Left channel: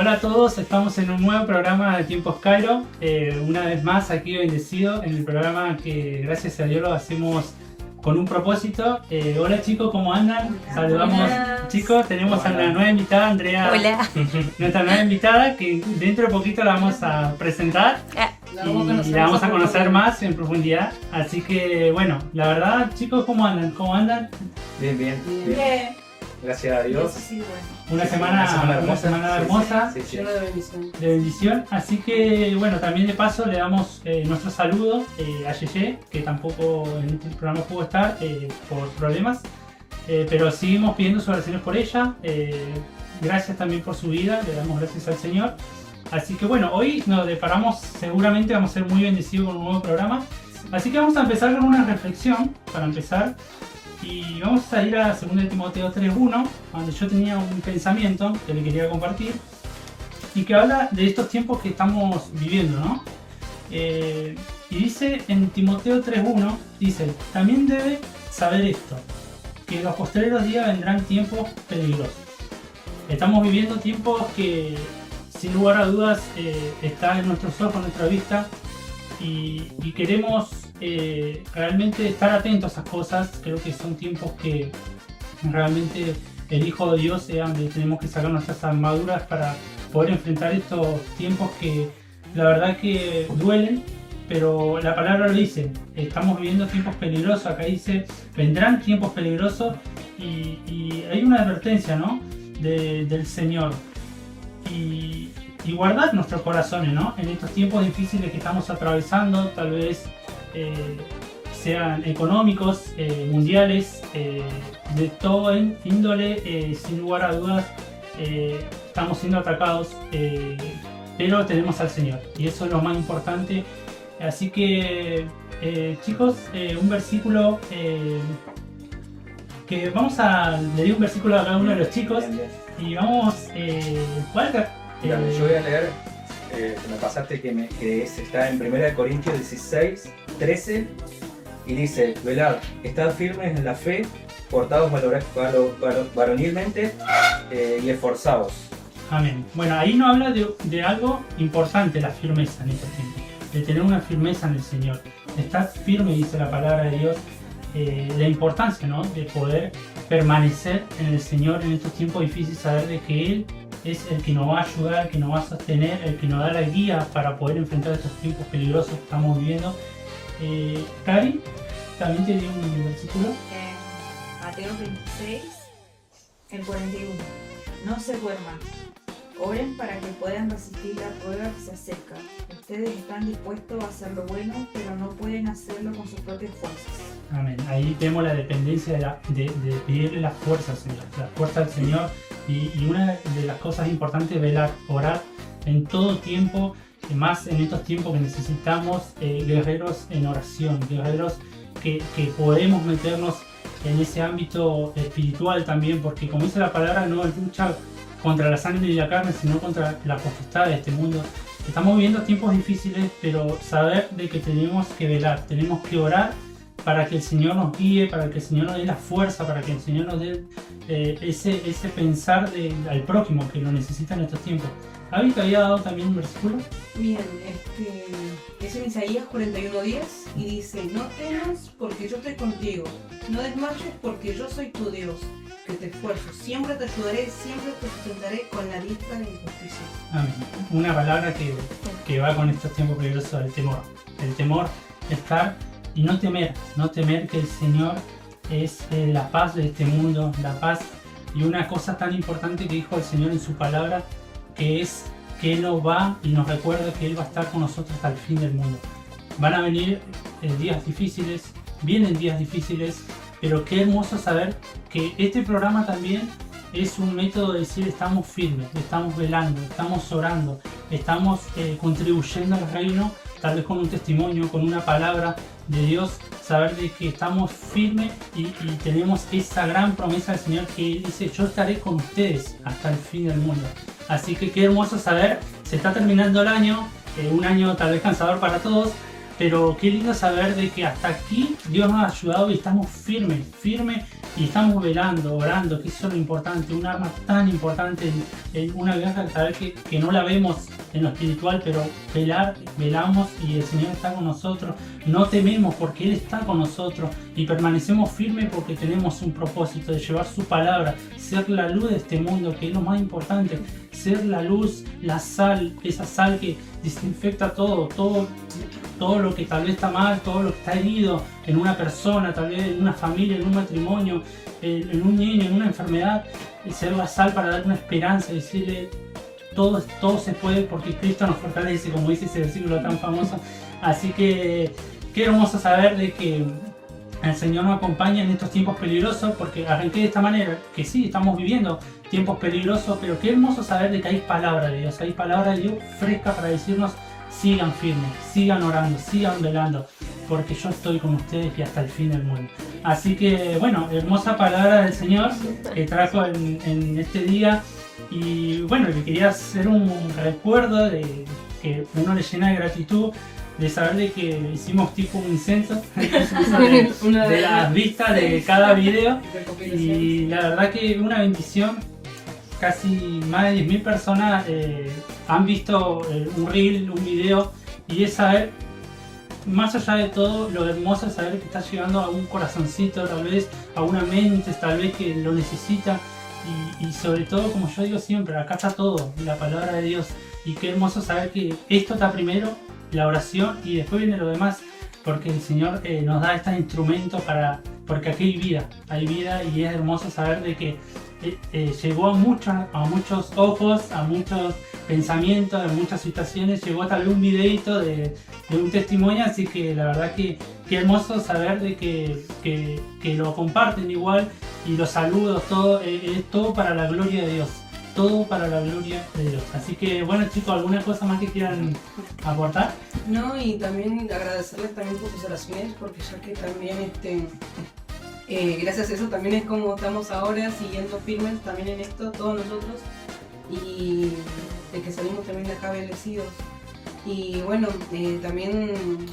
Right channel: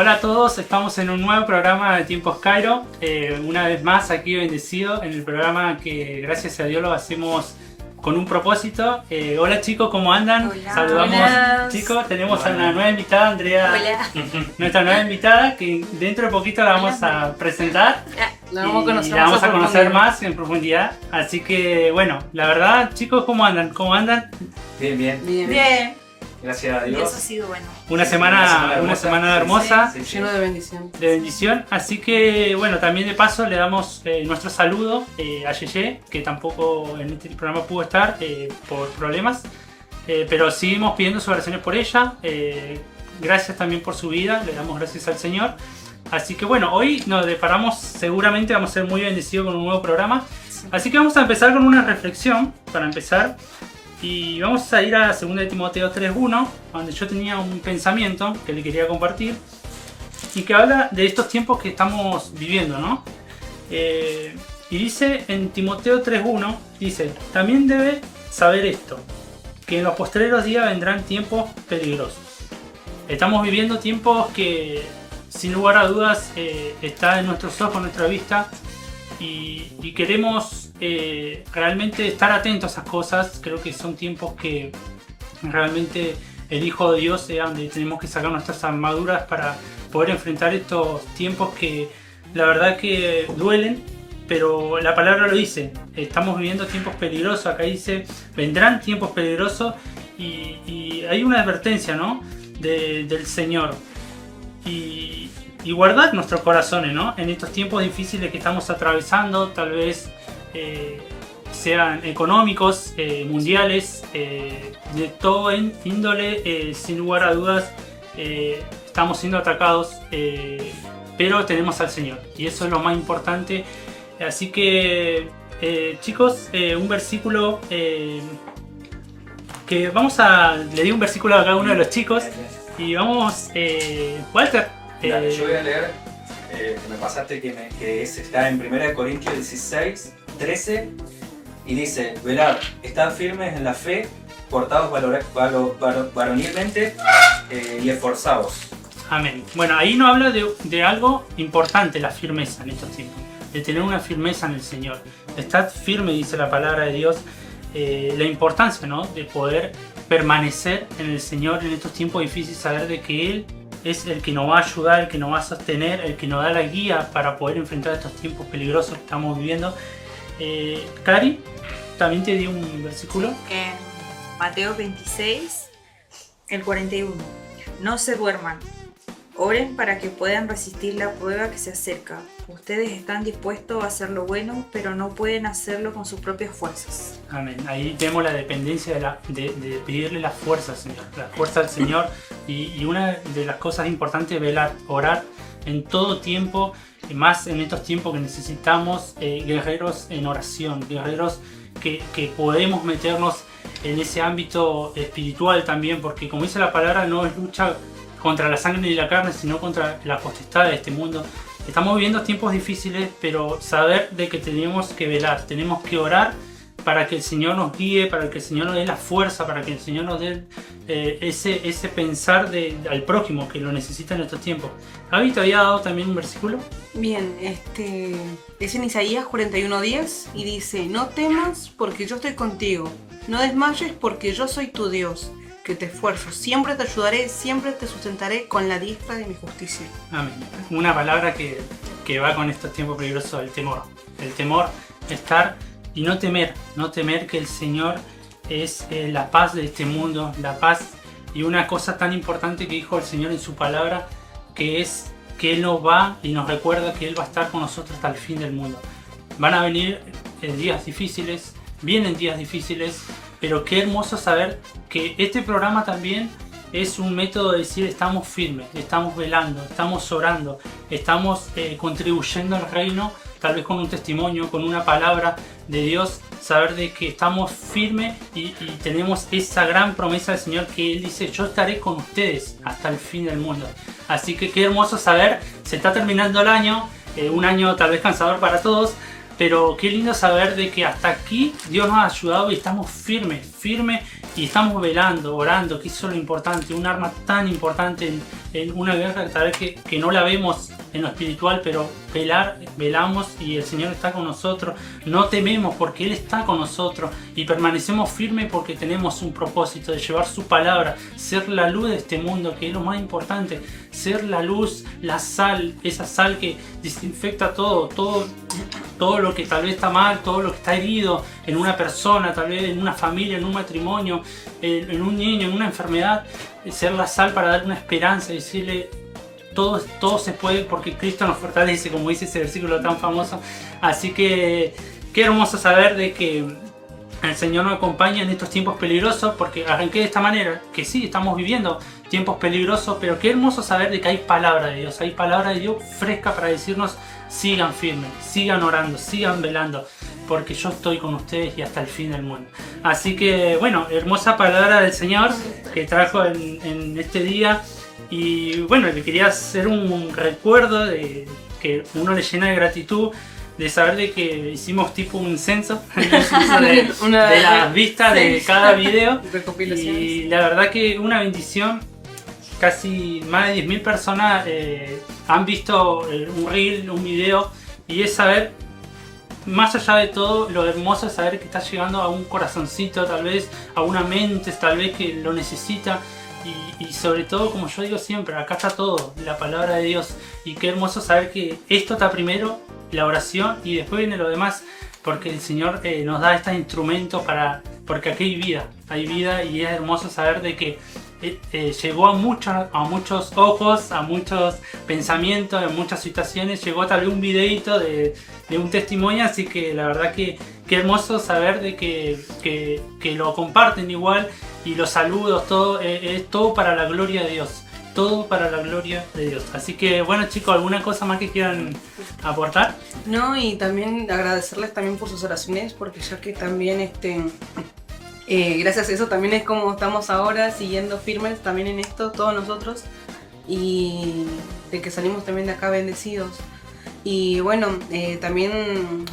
Hola a todos, estamos en un nuevo programa de Tiempos Cairo. Una vez más aquí bendecido en el programa que gracias a Dios lo hacemos con un propósito. Hola chicos, ¿cómo andan? Hola. Saludamos. Hola. Chicos, tenemos a Hola. una nueva invitada, Andrea. Hola. Nuestra nueva invitada que dentro de poquito la vamos a presentar. La Y la vamos a conocer más en profundidad. Así que bueno, la verdad chicos, ¿cómo andan? ¿Cómo andan? Bien, bien. Bien. Gracias a Y eso Dios. ha sido bueno. Una semana hermosa. Sí, sí. Lleno de bendición. De bendición, así que bueno, también de paso le damos nuestro saludo a Yeye, que tampoco en este programa pudo estar por problemas, pero seguimos pidiendo sus oraciones por ella. Gracias también por su vida, le damos gracias al Señor. Así que bueno, hoy nos deparamos, seguramente vamos a ser muy bendecidos con un nuevo programa, así que vamos a empezar con una reflexión para empezar. Y vamos a ir a 2 de Timoteo 3.1, donde yo tenía un pensamiento que le quería compartir y que habla de estos tiempos que estamos viviendo, ¿no? Y dice en Timoteo 3.1, dice, también debe saber esto, que en los postreros días vendrán tiempos peligrosos. Estamos viviendo tiempos que sin lugar a dudas está en nuestros ojos, en nuestra vista, y queremos realmente estar atentos a esas cosas. Creo que son tiempos que realmente el Hijo de Dios donde tenemos que sacar nuestras armaduras para poder enfrentar estos tiempos que la verdad que duelen, pero la palabra lo dice, estamos viviendo tiempos peligrosos. Acá dice, vendrán tiempos peligrosos y hay una advertencia, ¿no? del Señor. Y guardar nuestros corazones, ¿no? En estos tiempos difíciles que estamos atravesando, tal vez sean económicos, mundiales, de todo índole, sin lugar a dudas, estamos siendo atacados, pero tenemos al Señor y eso es lo más importante. Así que, chicos, un versículo que le di un versículo a cada uno de los chicos y vamos, Walter. Mira, yo voy a leer, que me pasaste que está en 1 Corintios 16, 13 y dice, velad, estad firmes en la fe, portados varonilmente y esforzados. Amén. Bueno, ahí nos habla de algo importante, la firmeza en estos tiempos, de tener una firmeza en el Señor. Estad firme, dice la palabra de Dios, la importancia, ¿no? De poder permanecer en el Señor en estos tiempos difíciles, saber de que Él es el que nos va a ayudar, el que nos va a sostener, el que nos da la guía para poder enfrentar estos tiempos peligrosos que estamos viviendo. Cari, también te di un versículo. En Mateo 26, el 41. No se duerman. Oren para que puedan resistir la prueba que se acerca. Ustedes están dispuestos a hacer lo bueno, pero no pueden hacerlo con sus propias fuerzas. Amén. Ahí tenemos la dependencia de pedirle la fuerza al Señor, la fuerza al Señor. Y una de las cosas importantes es velar, orar en todo tiempo, y más en estos tiempos que necesitamos guerreros en oración, guerreros que podemos meternos en ese ámbito espiritual también, porque como dice la palabra, no es lucha contra la sangre y la carne, sino contra la potestad de este mundo. Estamos viviendo tiempos difíciles, pero saber de que tenemos que velar, tenemos que orar para que el Señor nos guíe, para que el Señor nos dé la fuerza, para que el Señor nos dé ese pensar al prójimo que lo necesita en estos tiempos. Gaby, ¿te había dado también un versículo? Bien, es en Isaías 41:10 y dice, no temas porque yo estoy contigo, no desmayes porque yo soy tu Dios, que te esfuerzo, siempre te ayudaré, siempre te sustentaré con la diestra de mi justicia. Amén. Una palabra que va con estos tiempos peligrosos, el temor. El temor, estar y no temer que el Señor es la paz de este mundo, la paz. Y una cosa tan importante que dijo el Señor en su palabra, que es que Él nos va y nos recuerda que Él va a estar con nosotros hasta el fin del mundo. Van a venir días difíciles, vienen días difíciles, pero qué hermoso saber que este programa también es un método de decir estamos firmes, estamos velando, estamos orando, estamos contribuyendo al reino, tal vez con un testimonio, con una palabra de Dios, saber de que estamos firmes y tenemos esa gran promesa del Señor que Él dice, yo estaré con ustedes hasta el fin del mundo. Así que qué hermoso saber, se está terminando el año, un año tal vez cansador para todos, pero qué lindo saber de que hasta aquí Dios nos ha ayudado y estamos firmes y estamos velando, orando, que eso es lo importante, un arma tan importante en una guerra tal vez que no la vemos en lo espiritual, pero velamos y el Señor está con nosotros, no tememos porque Él está con nosotros y permanecemos firmes porque tenemos un propósito de llevar su palabra, ser la luz de este mundo, que es lo más importante, ser la luz, la sal, esa sal que desinfecta todo lo que tal vez está mal, todo lo que está herido en una persona, tal vez en una familia, en un matrimonio, en un niño, en una enfermedad, ser la sal para dar una esperanza y decirle todo se puede porque Cristo nos fortalece, como dice ese versículo tan famoso. Así que qué hermoso saber de que el Señor nos acompaña en estos tiempos peligrosos, porque arranqué de esta manera, que sí, estamos viviendo tiempos peligrosos, pero qué hermoso saber de que hay palabra de Dios fresca para decirnos: sigan firmes, sigan orando, sigan velando, porque yo estoy con ustedes y hasta el fin del mundo. Así que bueno, hermosa palabra del Señor que trajo en este día. Y bueno, le quería hacer un recuerdo de que uno le llena de gratitud de saber de que hicimos tipo un censo de las vistas de cada video. Y la verdad que una bendición. Casi más de 10.000 personas han visto un reel, un video, y es saber, más allá de todo, lo hermoso es saber que está llegando a un corazoncito, tal vez, a una mente, tal vez que lo necesita, y sobre todo, como yo digo siempre, acá está todo, la palabra de Dios, y qué hermoso saber que esto está primero, la oración, y después viene lo demás, porque el Señor nos da este instrumento porque aquí hay vida, y es hermoso saber de que llegó a muchos ojos, a muchos pensamientos, en muchas situaciones, llegó tal vez un videito de un testimonio, así que la verdad que qué hermoso saber de que lo comparten igual, y los saludos, todo es todo para la gloria de Dios, todo para la gloria de Dios. Así que bueno, chicos, ¿alguna cosa más que quieran aportar? No, y también agradecerles también por sus oraciones, porque ya que también gracias a eso también es como estamos ahora, siguiendo firmes también en esto, todos nosotros, y de que salimos también de acá bendecidos. Y bueno, también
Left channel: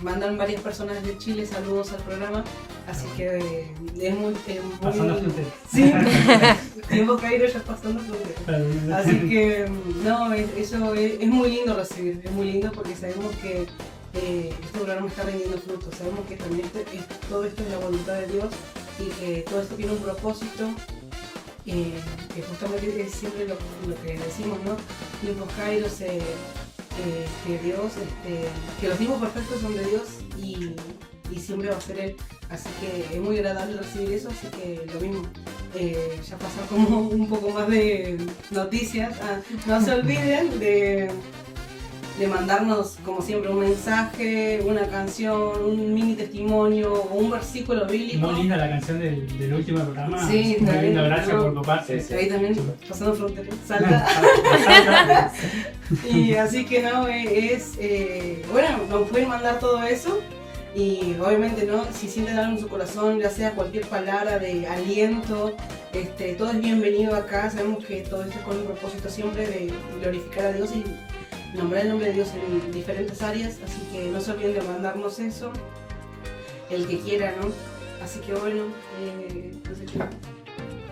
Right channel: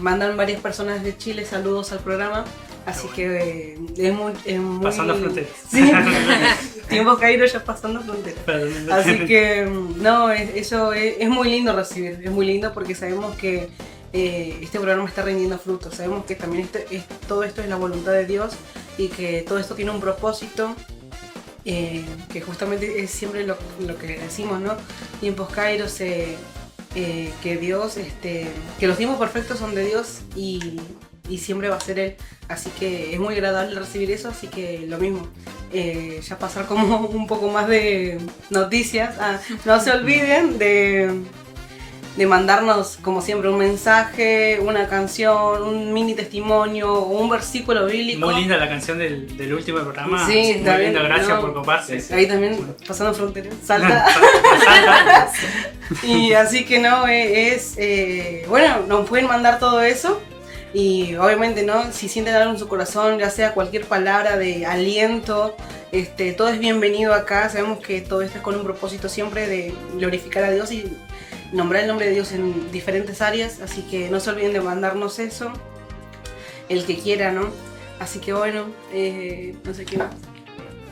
mandan varias personas de Chile saludos al programa, así que es muy... Pasando fronteras. Sí, tiempo Cairo ya pasando fronteras. Así que no, eso es muy lindo recibir, es muy lindo porque sabemos que este programa está rindiendo frutos, sabemos que también todo esto es la voluntad de Dios, y que todo esto tiene un propósito, que justamente es siempre lo que decimos, ¿no? Tiempos Kairos, que Dios, que los tiempos perfectos son de Dios y siempre va a ser Él. Así que es muy agradable recibir eso, así que lo mismo. Ya pasar como un poco más de noticias. No se olviden de mandarnos, como siempre, un mensaje, una canción, un mini testimonio o un versículo bíblico. Muy linda la canción del último programa. Sí, muy linda, gracias por coparse. Ahí también, pasando fronteras, salta. Y así que no, bueno, nos pueden mandar todo eso. Y obviamente, ¿no? Si sienten algo en su corazón, ya sea cualquier palabra de aliento, todo es bienvenido acá. Sabemos que todo esto es con un propósito siempre de glorificar a Dios y nombrar el nombre de Dios en diferentes áreas, así que no se olviden de mandarnos eso, el que quiera, ¿no? Así que bueno, no sé qué más.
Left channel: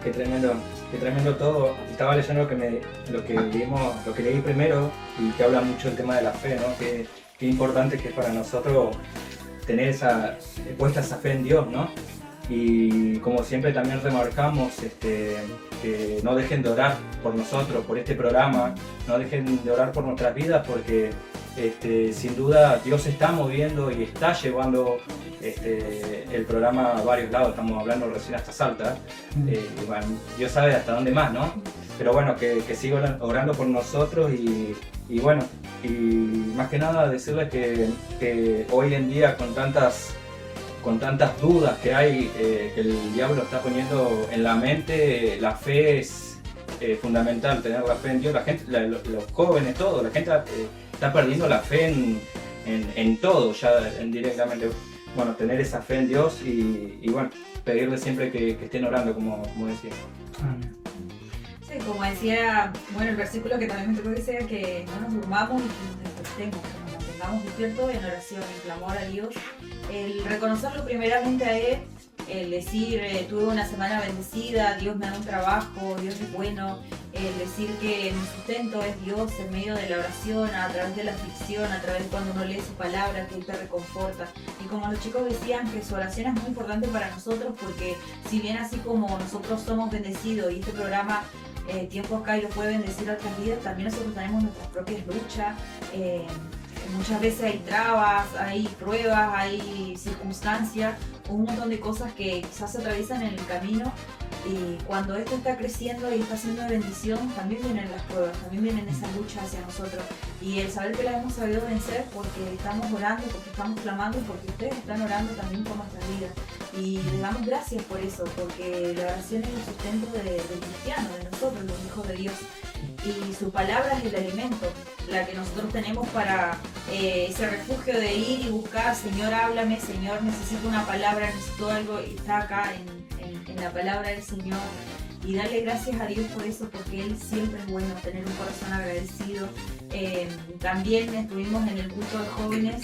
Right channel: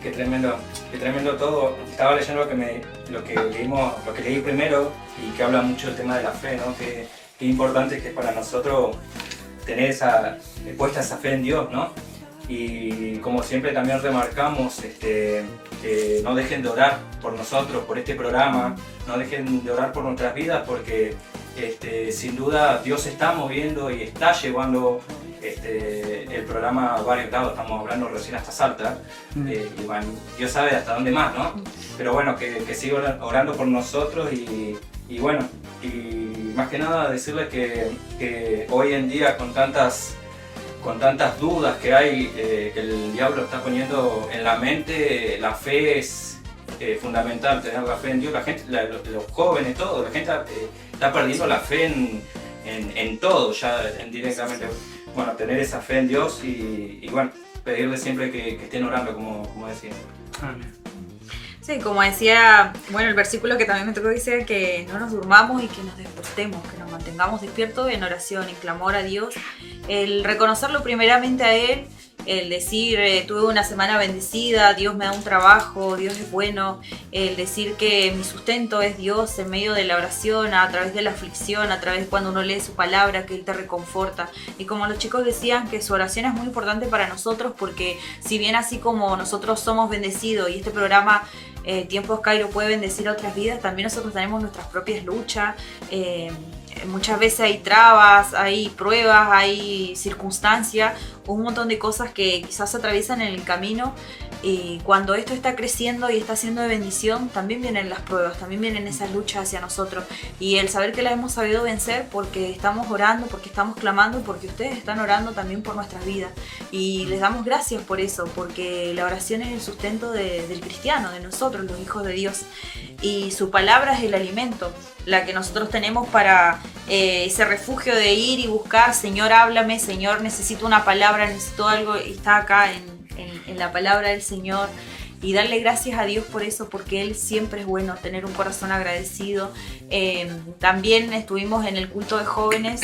Qué tremendo todo. Estaba leyendo lo que leí primero, y que habla mucho del tema de la fe, ¿no? Qué importante que es para nosotros tener puesta esa fe en Dios, ¿no? Y como siempre también remarcamos, que no dejen de orar por nosotros, por este programa, no dejen de orar por nuestras vidas, porque sin duda Dios se está moviendo y está llevando el programa a varios lados. Estamos hablando recién hasta Salta, y bueno, Dios sabe hasta dónde más, ¿no? Pero bueno, que sigan orando por nosotros, y bueno, y más que nada decirles que hoy en día con tantas dudas que hay, el diablo está poniendo en la mente, la fe es fundamental, tener la fe en Dios. La gente, los jóvenes, todo, la gente está perdiendo la fe en todo, ya directamente. Bueno, tener esa fe en Dios y bueno, pedirle siempre que estén orando, como decía. Amén. Sí, como decía, bueno, el versículo que también me tocó dice que no nos durmamos y que nos despertemos, que nos mantengamos mantengamos despiertos en oración y clamor a Dios, el reconocerlo primeramente a Él, el decir tuve una semana bendecida, Dios me da un trabajo, Dios es bueno, el decir que mi sustento es Dios en medio de la oración, a través de la aflicción, a través cuando uno lee su palabra, que Él te reconforta. Y como los chicos decían, que su oración es muy importante para nosotros, porque si bien así como nosotros somos bendecidos y este programa Tiempos Cairo puede bendecir a otras vidas, también nosotros tenemos nuestras propias luchas. Muchas veces hay trabas, hay pruebas, hay circunstancias, un montón de cosas que quizás se atraviesan en el camino, y cuando esto está creciendo y está siendo de bendición, también vienen las pruebas, también vienen esas luchas hacia nosotros, y el saber que las hemos sabido vencer porque estamos orando, porque estamos clamando, porque ustedes están orando también por nuestras vidas, y les damos gracias por eso, porque la oración es el sustento del cristiano, de nosotros, los hijos de Dios, y su palabra es el alimento, la que nosotros tenemos para ese refugio de ir y buscar, Señor, háblame, Señor, necesito una palabra, necesito algo, y está acá en la palabra del Señor, y darle gracias a Dios por eso, porque Él siempre es bueno, tener un corazón agradecido. También estuvimos en el culto de jóvenes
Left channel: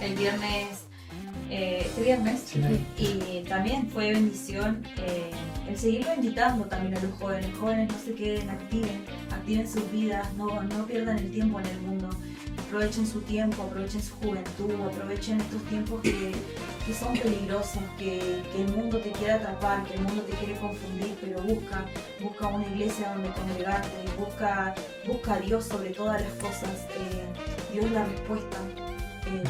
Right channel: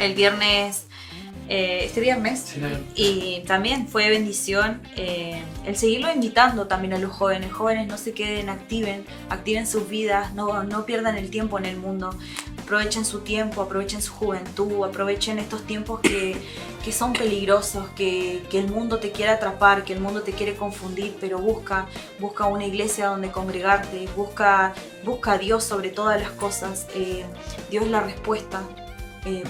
el viernes, este viernes, Sí. y también fue bendición el seguirlo invitando también a los jóvenes. Jóvenes, no se queden, activen sus vidas, no pierdan el tiempo en el mundo, aprovechen su tiempo, aprovechen su juventud, aprovechen estos tiempos que son peligrosos, que el mundo te quiere atrapar, que el mundo te quiere confundir, pero busca una iglesia donde congregarte, busca a Dios sobre todas las cosas. Dios es la respuesta.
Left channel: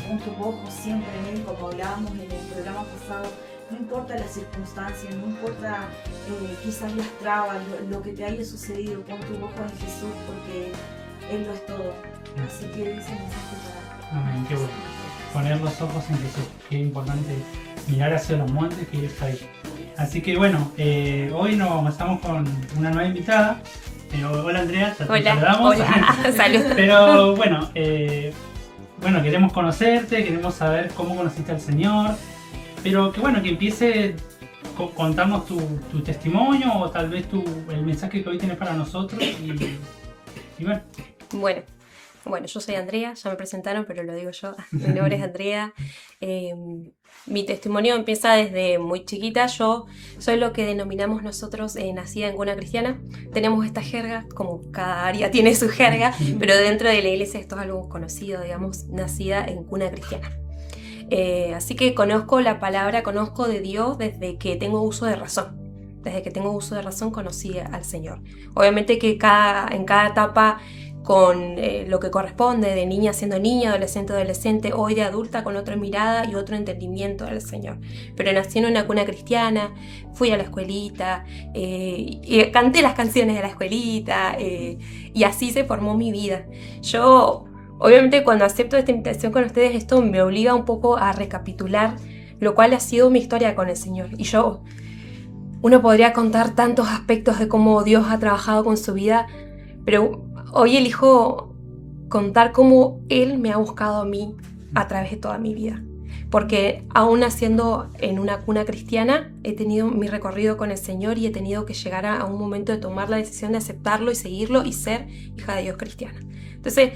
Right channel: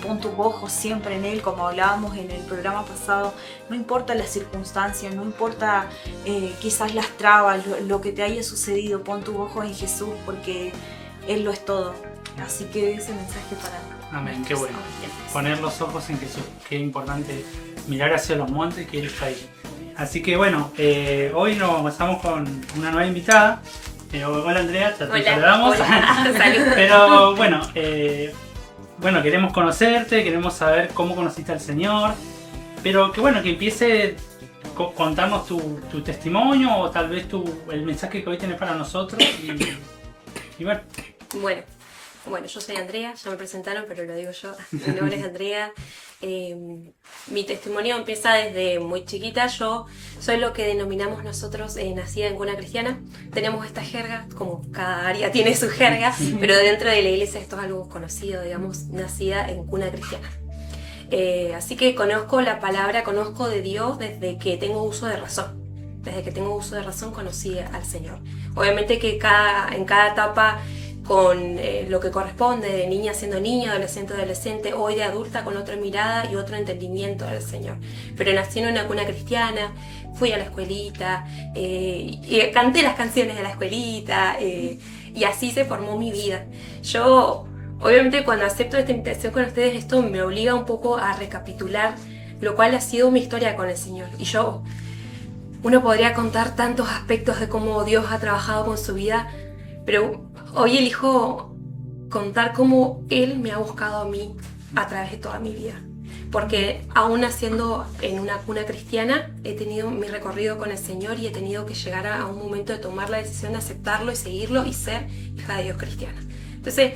Pon tus ojos siempre en Él, como hablábamos en el programa pasado. No importa las circunstancias, no importa quizás las trabas, lo que te haya sucedido, pon tus ojos en Jesús, porque Él lo es todo. Así que ese mensaje para... Amén, qué bueno. Poner los ojos en Jesús, qué importante mirar hacia los montes, que Él está ahí. Así que bueno, hoy nos pasamos con una nueva invitada. Hola Andrea, ya te saludamos. Hola, salud. Pero bueno, queremos conocerte, queremos saber cómo conociste al Señor, pero que bueno, que empiece contarnos tu testimonio, o tal vez el mensaje que hoy tenés para nosotros, y bueno. Bueno, yo soy Andrea, ya me presentaron, pero lo digo yo, mi nombre es Andrea. Mi testimonio empieza desde muy chiquita. Yo soy lo que denominamos nosotros nacida en cuna cristiana. Tenemos esta jerga, como cada área tiene su jerga, pero dentro de la iglesia esto es algo conocido, digamos, nacida en cuna cristiana. Así que conozco la palabra, conozco de Dios desde que tengo uso de razón. Desde que tengo uso de razón conocí al Señor. Obviamente que en cada etapa, con lo que corresponde, de niña siendo niña, adolescente, hoy de adulta con otra mirada y otro entendimiento del Señor. Pero nací en una cuna cristiana, fui a la escuelita, y canté las canciones de la escuelita, y así se formó mi vida. Yo, obviamente, cuando acepto esta invitación con ustedes, esto me obliga un poco a recapitular lo cual ha sido mi historia con el Señor. Y uno podría contar tantos aspectos de cómo Dios ha trabajado con su vida, pero hoy elijo contar cómo Él me ha buscado a mí a través de toda mi vida. Porque aún naciendo en una cuna cristiana, he tenido mi recorrido con el Señor y he tenido que llegar a un momento de tomar la decisión de aceptarlo y seguirlo y ser hija de Dios cristiana. Entonces,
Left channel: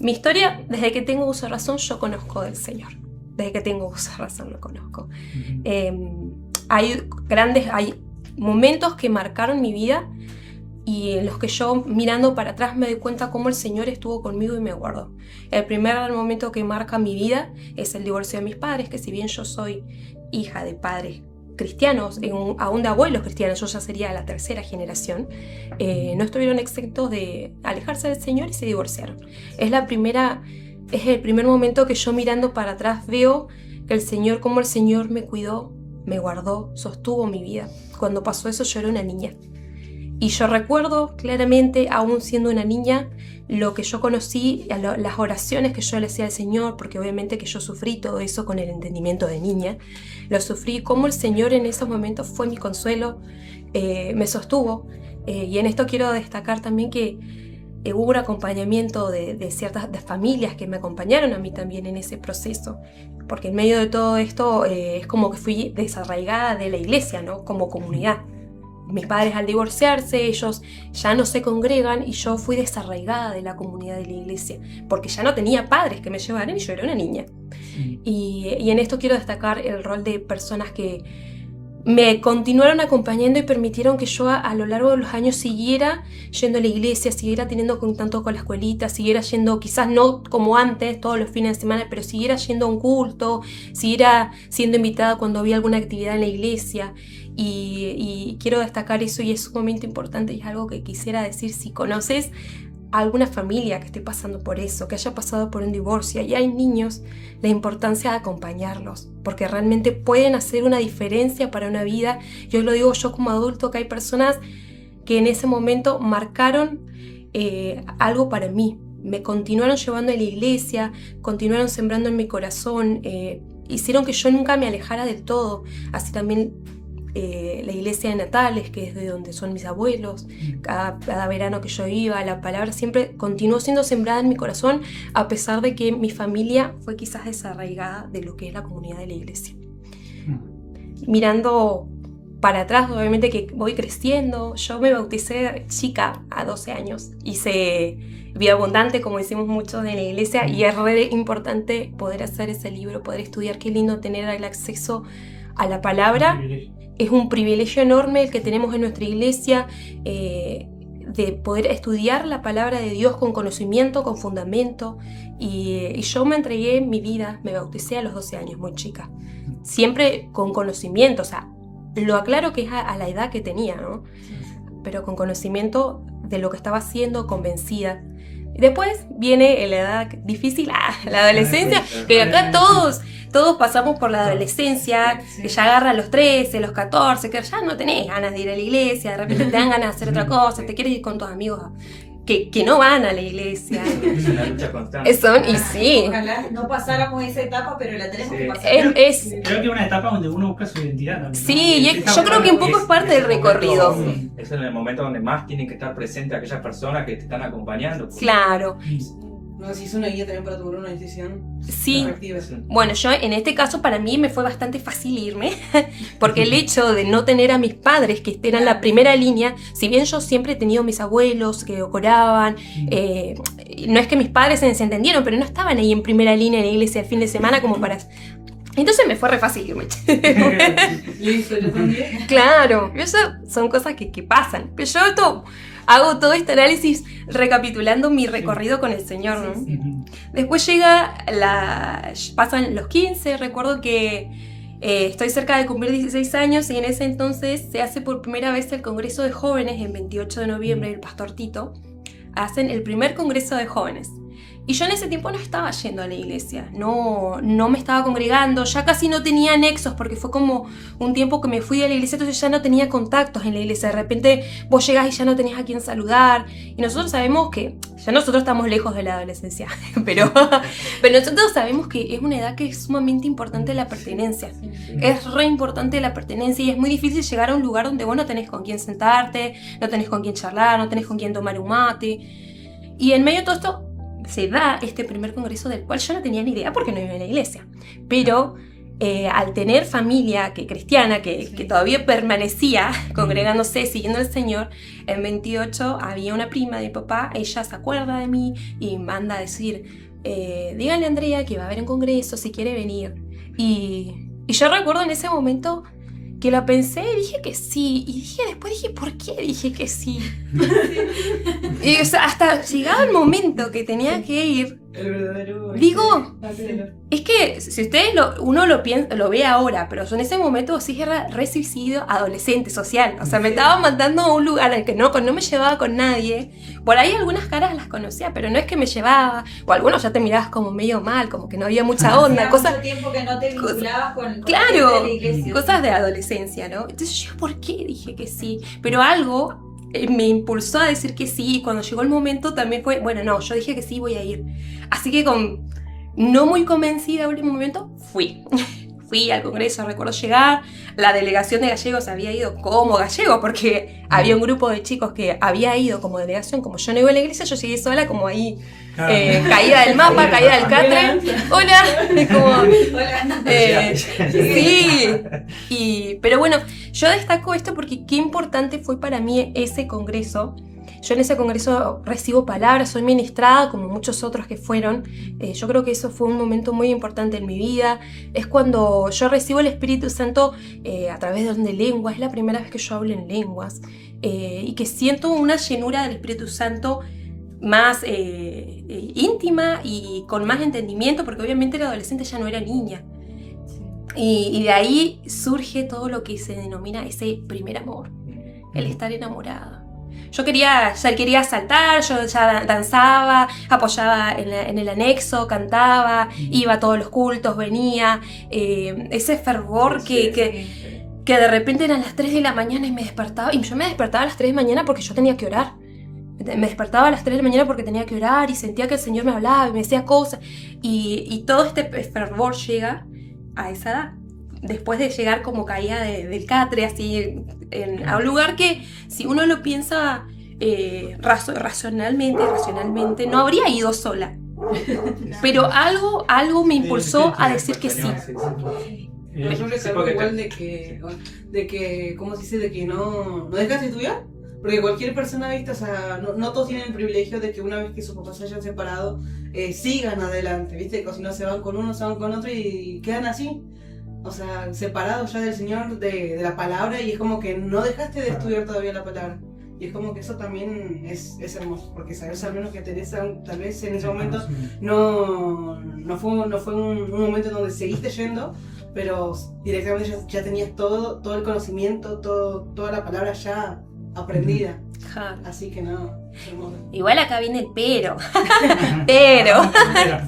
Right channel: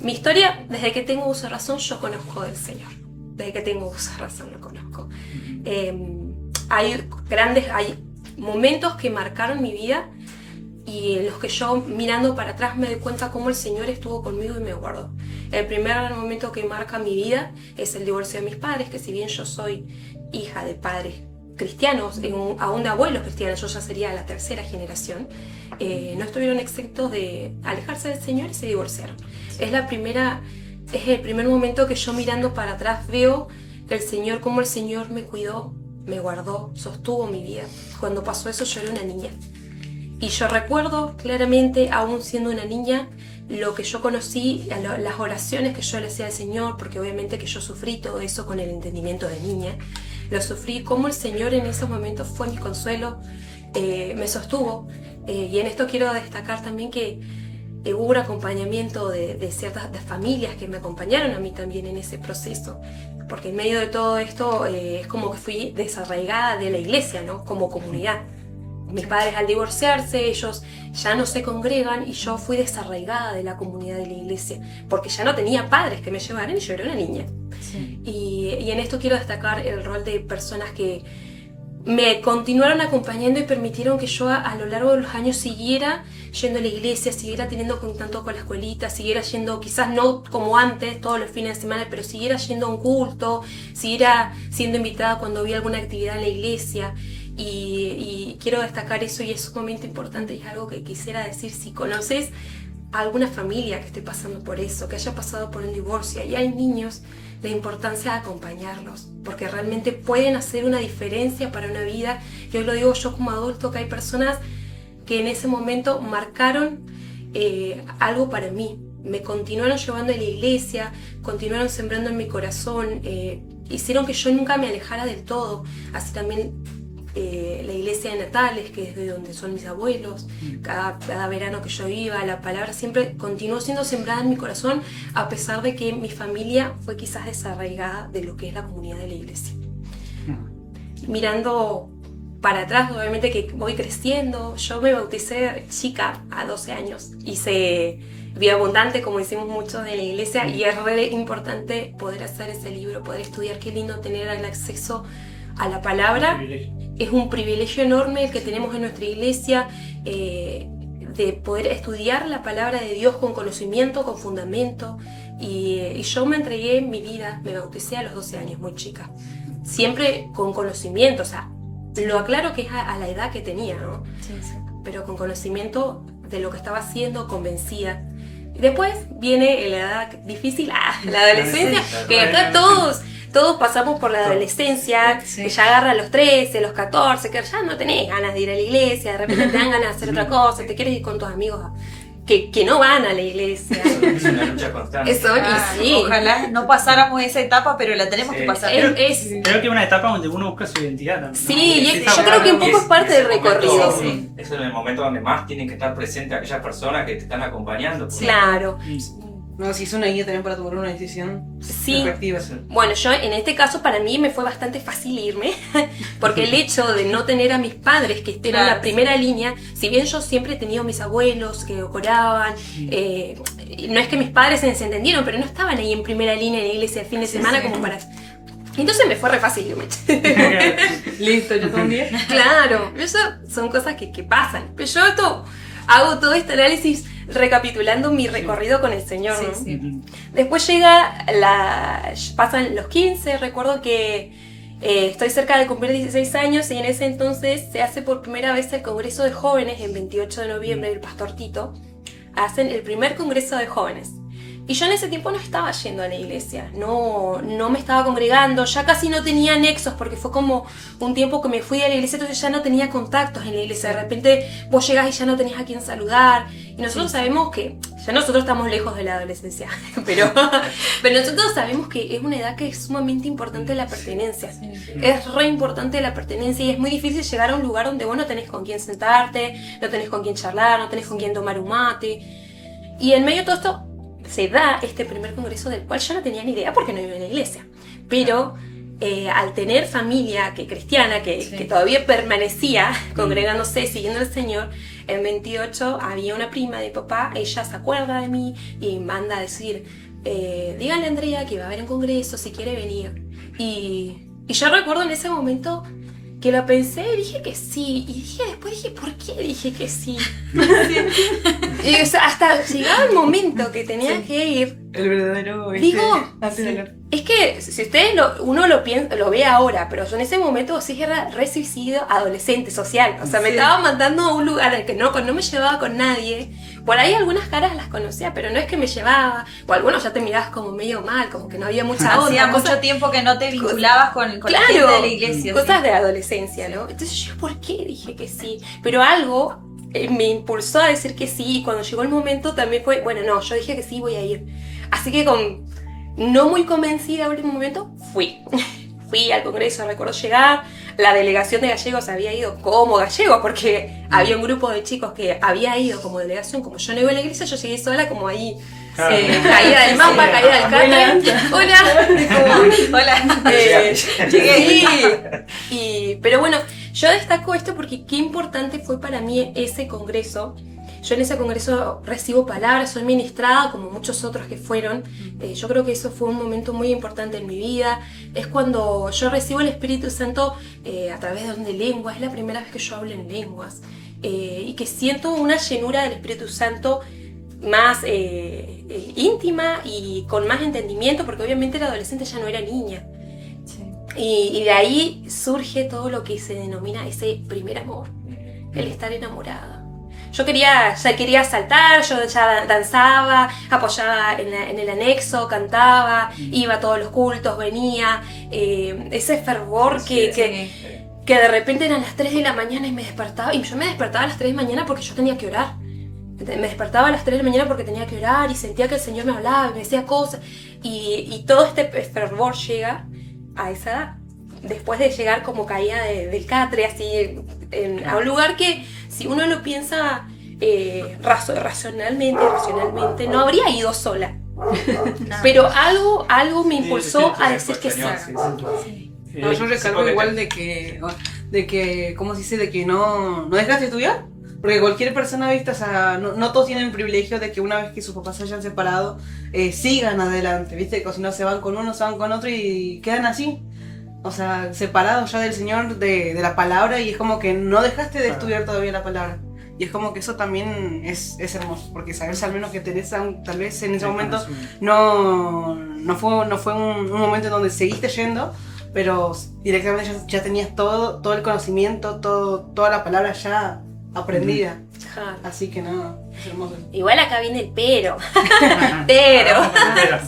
mi historia, desde que tengo uso de razón, yo conozco del Señor. Desde que tengo uso de razón lo conozco. Hay momentos que marcaron mi vida y en los que yo, mirando para atrás, me doy cuenta cómo el Señor estuvo conmigo y me guardó. El primer momento que marca mi vida es el divorcio de mis padres, que si bien yo soy hija de padres cristianos, aún de abuelos cristianos, yo ya sería la tercera generación, no estuvieron exentos de alejarse del Señor y se divorciaron. Es el primer momento que yo, mirando para atrás, veo que cómo el Señor me cuidó, me guardó, sostuvo mi vida. Cuando pasó eso, yo era una niña. Y yo recuerdo claramente, aún siendo una niña, lo que yo conocí, las oraciones que yo le hacía al Señor, porque obviamente que yo sufrí todo eso con el entendimiento de niña. Lo sufrí, como el Señor en esos momentos fue mi consuelo, me sostuvo. Y en esto quiero destacar también que hubo un acompañamiento de ciertas familias que me acompañaron a mí también en ese proceso. Porque en medio de todo esto es como que fui desarraigada de la iglesia, ¿no? Como comunidad. mis padres al divorciarse, ellos ya no se congregan y yo fui desarraigada de la comunidad de la iglesia, porque ya no tenía padres que me llevaran y yo era una niña. Y en esto quiero destacar el rol de personas que me continuaron acompañando y permitieron que yo a lo largo de los años siguiera yendo a la iglesia, siguiera teniendo contacto con la escuelita, siguiera yendo, quizás no como antes, todos los fines de semana, pero siguiera yendo a un culto, siguiera siendo invitada cuando había alguna actividad en la iglesia. Y quiero destacar eso y es sumamente importante y es algo que quisiera decir. Si conoces a alguna familia que esté pasando por eso, que haya pasado por un divorcio y hay niños, la importancia de acompañarlos, porque realmente pueden hacer una diferencia para una vida. Yo lo digo yo como adulto, que hay personas que en ese momento marcaron algo para mí, me continuaron llevando a la iglesia, continuaron sembrando en mi corazón, hicieron que yo nunca me alejara del todo. Así también la iglesia de Natales, que es de donde son mis abuelos, cada verano que yo iba, la palabra siempre continuó siendo sembrada en mi corazón, a pesar de que mi familia fue quizás desarraigada de lo que es la comunidad de la iglesia. Mirando para atrás, obviamente que voy creciendo, yo me bauticé chica a 12 años, hice vida abundante, como decimos muchos en la iglesia, y es re importante poder hacer ese libro, poder estudiar. Qué lindo tener el acceso a la palabra. Es un privilegio enorme el que tenemos en nuestra iglesia, de poder estudiar la palabra de Dios con conocimiento, con fundamento. Y yo me entregué mi vida, me bauticé a los 12 años, muy chica. Siempre con conocimiento, o sea, lo aclaro que es a la edad que tenía, ¿no? Sí. Pero con conocimiento de lo que estaba haciendo, convencida. Y después viene la edad difícil, la adolescencia, que acá todos pasamos por la adolescencia, que ya agarran los 13, los 14, que ya no tenés ganas de ir a la iglesia, de repente te dan ganas de hacer otra cosa, te quieres ir con tus amigos que no van a la iglesia. Es una lucha constante. Y sí. Ojalá no pasáramos esa etapa, pero la tenemos que pasar. Creo que es una etapa donde uno busca su identidad también, ¿no? Sí, y yo creo que un poco es parte del recorrido. Es en el momento donde más tienen que estar presentes aquellas personas que te están acompañando. Claro. No, si es una guía también para tomar una decisión Sí. efectiva. Bueno, yo en este caso para mí me fue bastante fácil irme, porque el hecho de no tener a mis padres que eran la primera línea, si bien yo siempre he tenido mis abuelos que oraban, no es que mis padres se desentendieron, pero no estaban ahí en primera línea en la iglesia el fin de semana como para... Entonces me fue re fácil irme. Listo, yo también. Claro, eso son cosas que pasan. Pero yo hago todo este análisis recapitulando mi recorrido con el Señor, ¿no? Sí. Después pasan los 15, recuerdo que estoy cerca de cumplir 16 años y en ese entonces se hace por primera vez el Congreso de Jóvenes, en 28 de noviembre, el Pastor Tito, hacen el primer Congreso de Jóvenes. Y yo en ese tiempo no estaba yendo a la iglesia, no me estaba congregando, ya casi no tenía nexos porque fue como un tiempo que me fui de la iglesia, entonces ya no tenía contactos en la iglesia. De repente vos llegás y ya no tenés a quién saludar. Y nosotros sabemos que, ya nosotros estamos lejos de la adolescencia, pero nosotros sabemos que es una edad que es sumamente importante la pertenencia. Es re importante la pertenencia y es muy difícil llegar a un lugar donde vos no tenés con quién sentarte, no tenés con quién charlar, no tenés con quién tomar un mate. Y en medio de todo esto se da este primer congreso del cual yo no tenía ni idea porque no iba a la iglesia. Pero al tener familia cristiana que todavía permanecía congregándose, siguiendo al Señor, en 28 había una prima de mi papá, ella se acuerda de mí y manda a decir, díganle a Andrea que va a haber un congreso si quiere venir. Y yo recuerdo en ese momento que la pensé y dije que sí. Y después dije, ¿por qué dije que sí? Y o sea, hasta llegaba el momento que tenía que ir. El verdadero... Digo, es que si ustedes uno lo ve ahora, pero yo en ese momento sí era recibido adolescente, social. O sea, me estaba mandando a un lugar al que no me llevaba con nadie. Por ahí algunas caras las conocía, pero no es que me llevaba. O algunos ya te mirabas como medio mal, como que no había mucha onda. Hacía mucho tiempo que no te vinculabas con la gente de la iglesia. Cosas de adolescencia, ¿no? Entonces yo, ¿por qué dije que sí? Pero algo me impulsó a decir que sí, y cuando llegó el momento también fue, bueno, no, yo dije que sí, voy a ir. Así que no muy convencida en el último momento, fui al congreso, recuerdo llegar, la delegación de gallegos había ido como gallego, porque había un grupo de chicos que había ido como delegación, como yo no iba a la iglesia, yo llegué sola como ahí, caída del mapa, caída del catre, hola, Hola. sí, pero bueno, Yo destaco esto porque qué importante fue para mí ese congreso. Yo en ese congreso recibo palabras, soy ministrada como muchos otros que fueron. Yo creo que eso fue un momento muy importante en mi vida. Es cuando yo recibo el Espíritu Santo a través de lenguas. Es la primera vez que yo hablo en lenguas. Y que siento una llenura del Espíritu Santo más íntima y con más entendimiento, porque obviamente la adolescente ya no era niña. Y de ahí surge todo lo que se denomina ese primer amor, el estar enamorada. Yo ya quería saltar, yo ya danzaba, apoyaba en el anexo, cantaba, iba a todos los cultos, venía. Ese fervor que de repente eran las 3 de la mañana y me despertaba. Y yo me despertaba a las 3 de la mañana porque yo tenía que orar. Me despertaba a las 3 de la mañana porque tenía que orar y sentía que el Señor me hablaba y me decía cosas. Y todo este fervor llega a esa edad. Después de llegar como caía del catre, así, a un lugar que, si uno lo piensa racionalmente, no habría ido sola. Pero algo me impulsó a decir que sí. No, yo recalco igual de que, ¿cómo se dice? De que no dejas de estudiar. Porque cualquier persona, ¿viste? O sea, no todos tienen el privilegio de que una vez que sus papás se hayan separado, sigan adelante, ¿viste? Que si no se van con uno, se van con otro y quedan así. O sea, separados ya del Señor, de la palabra, y es como que no dejaste de estudiar todavía la palabra. Y es como que eso también es hermoso, porque sabes al menos que Teresa, tal vez en ese momento no fue un momento donde seguiste yendo, pero directamente ya tenías todo el conocimiento, toda la palabra ya aprendida. Así que no, es hermoso. Igual acá viene el pero.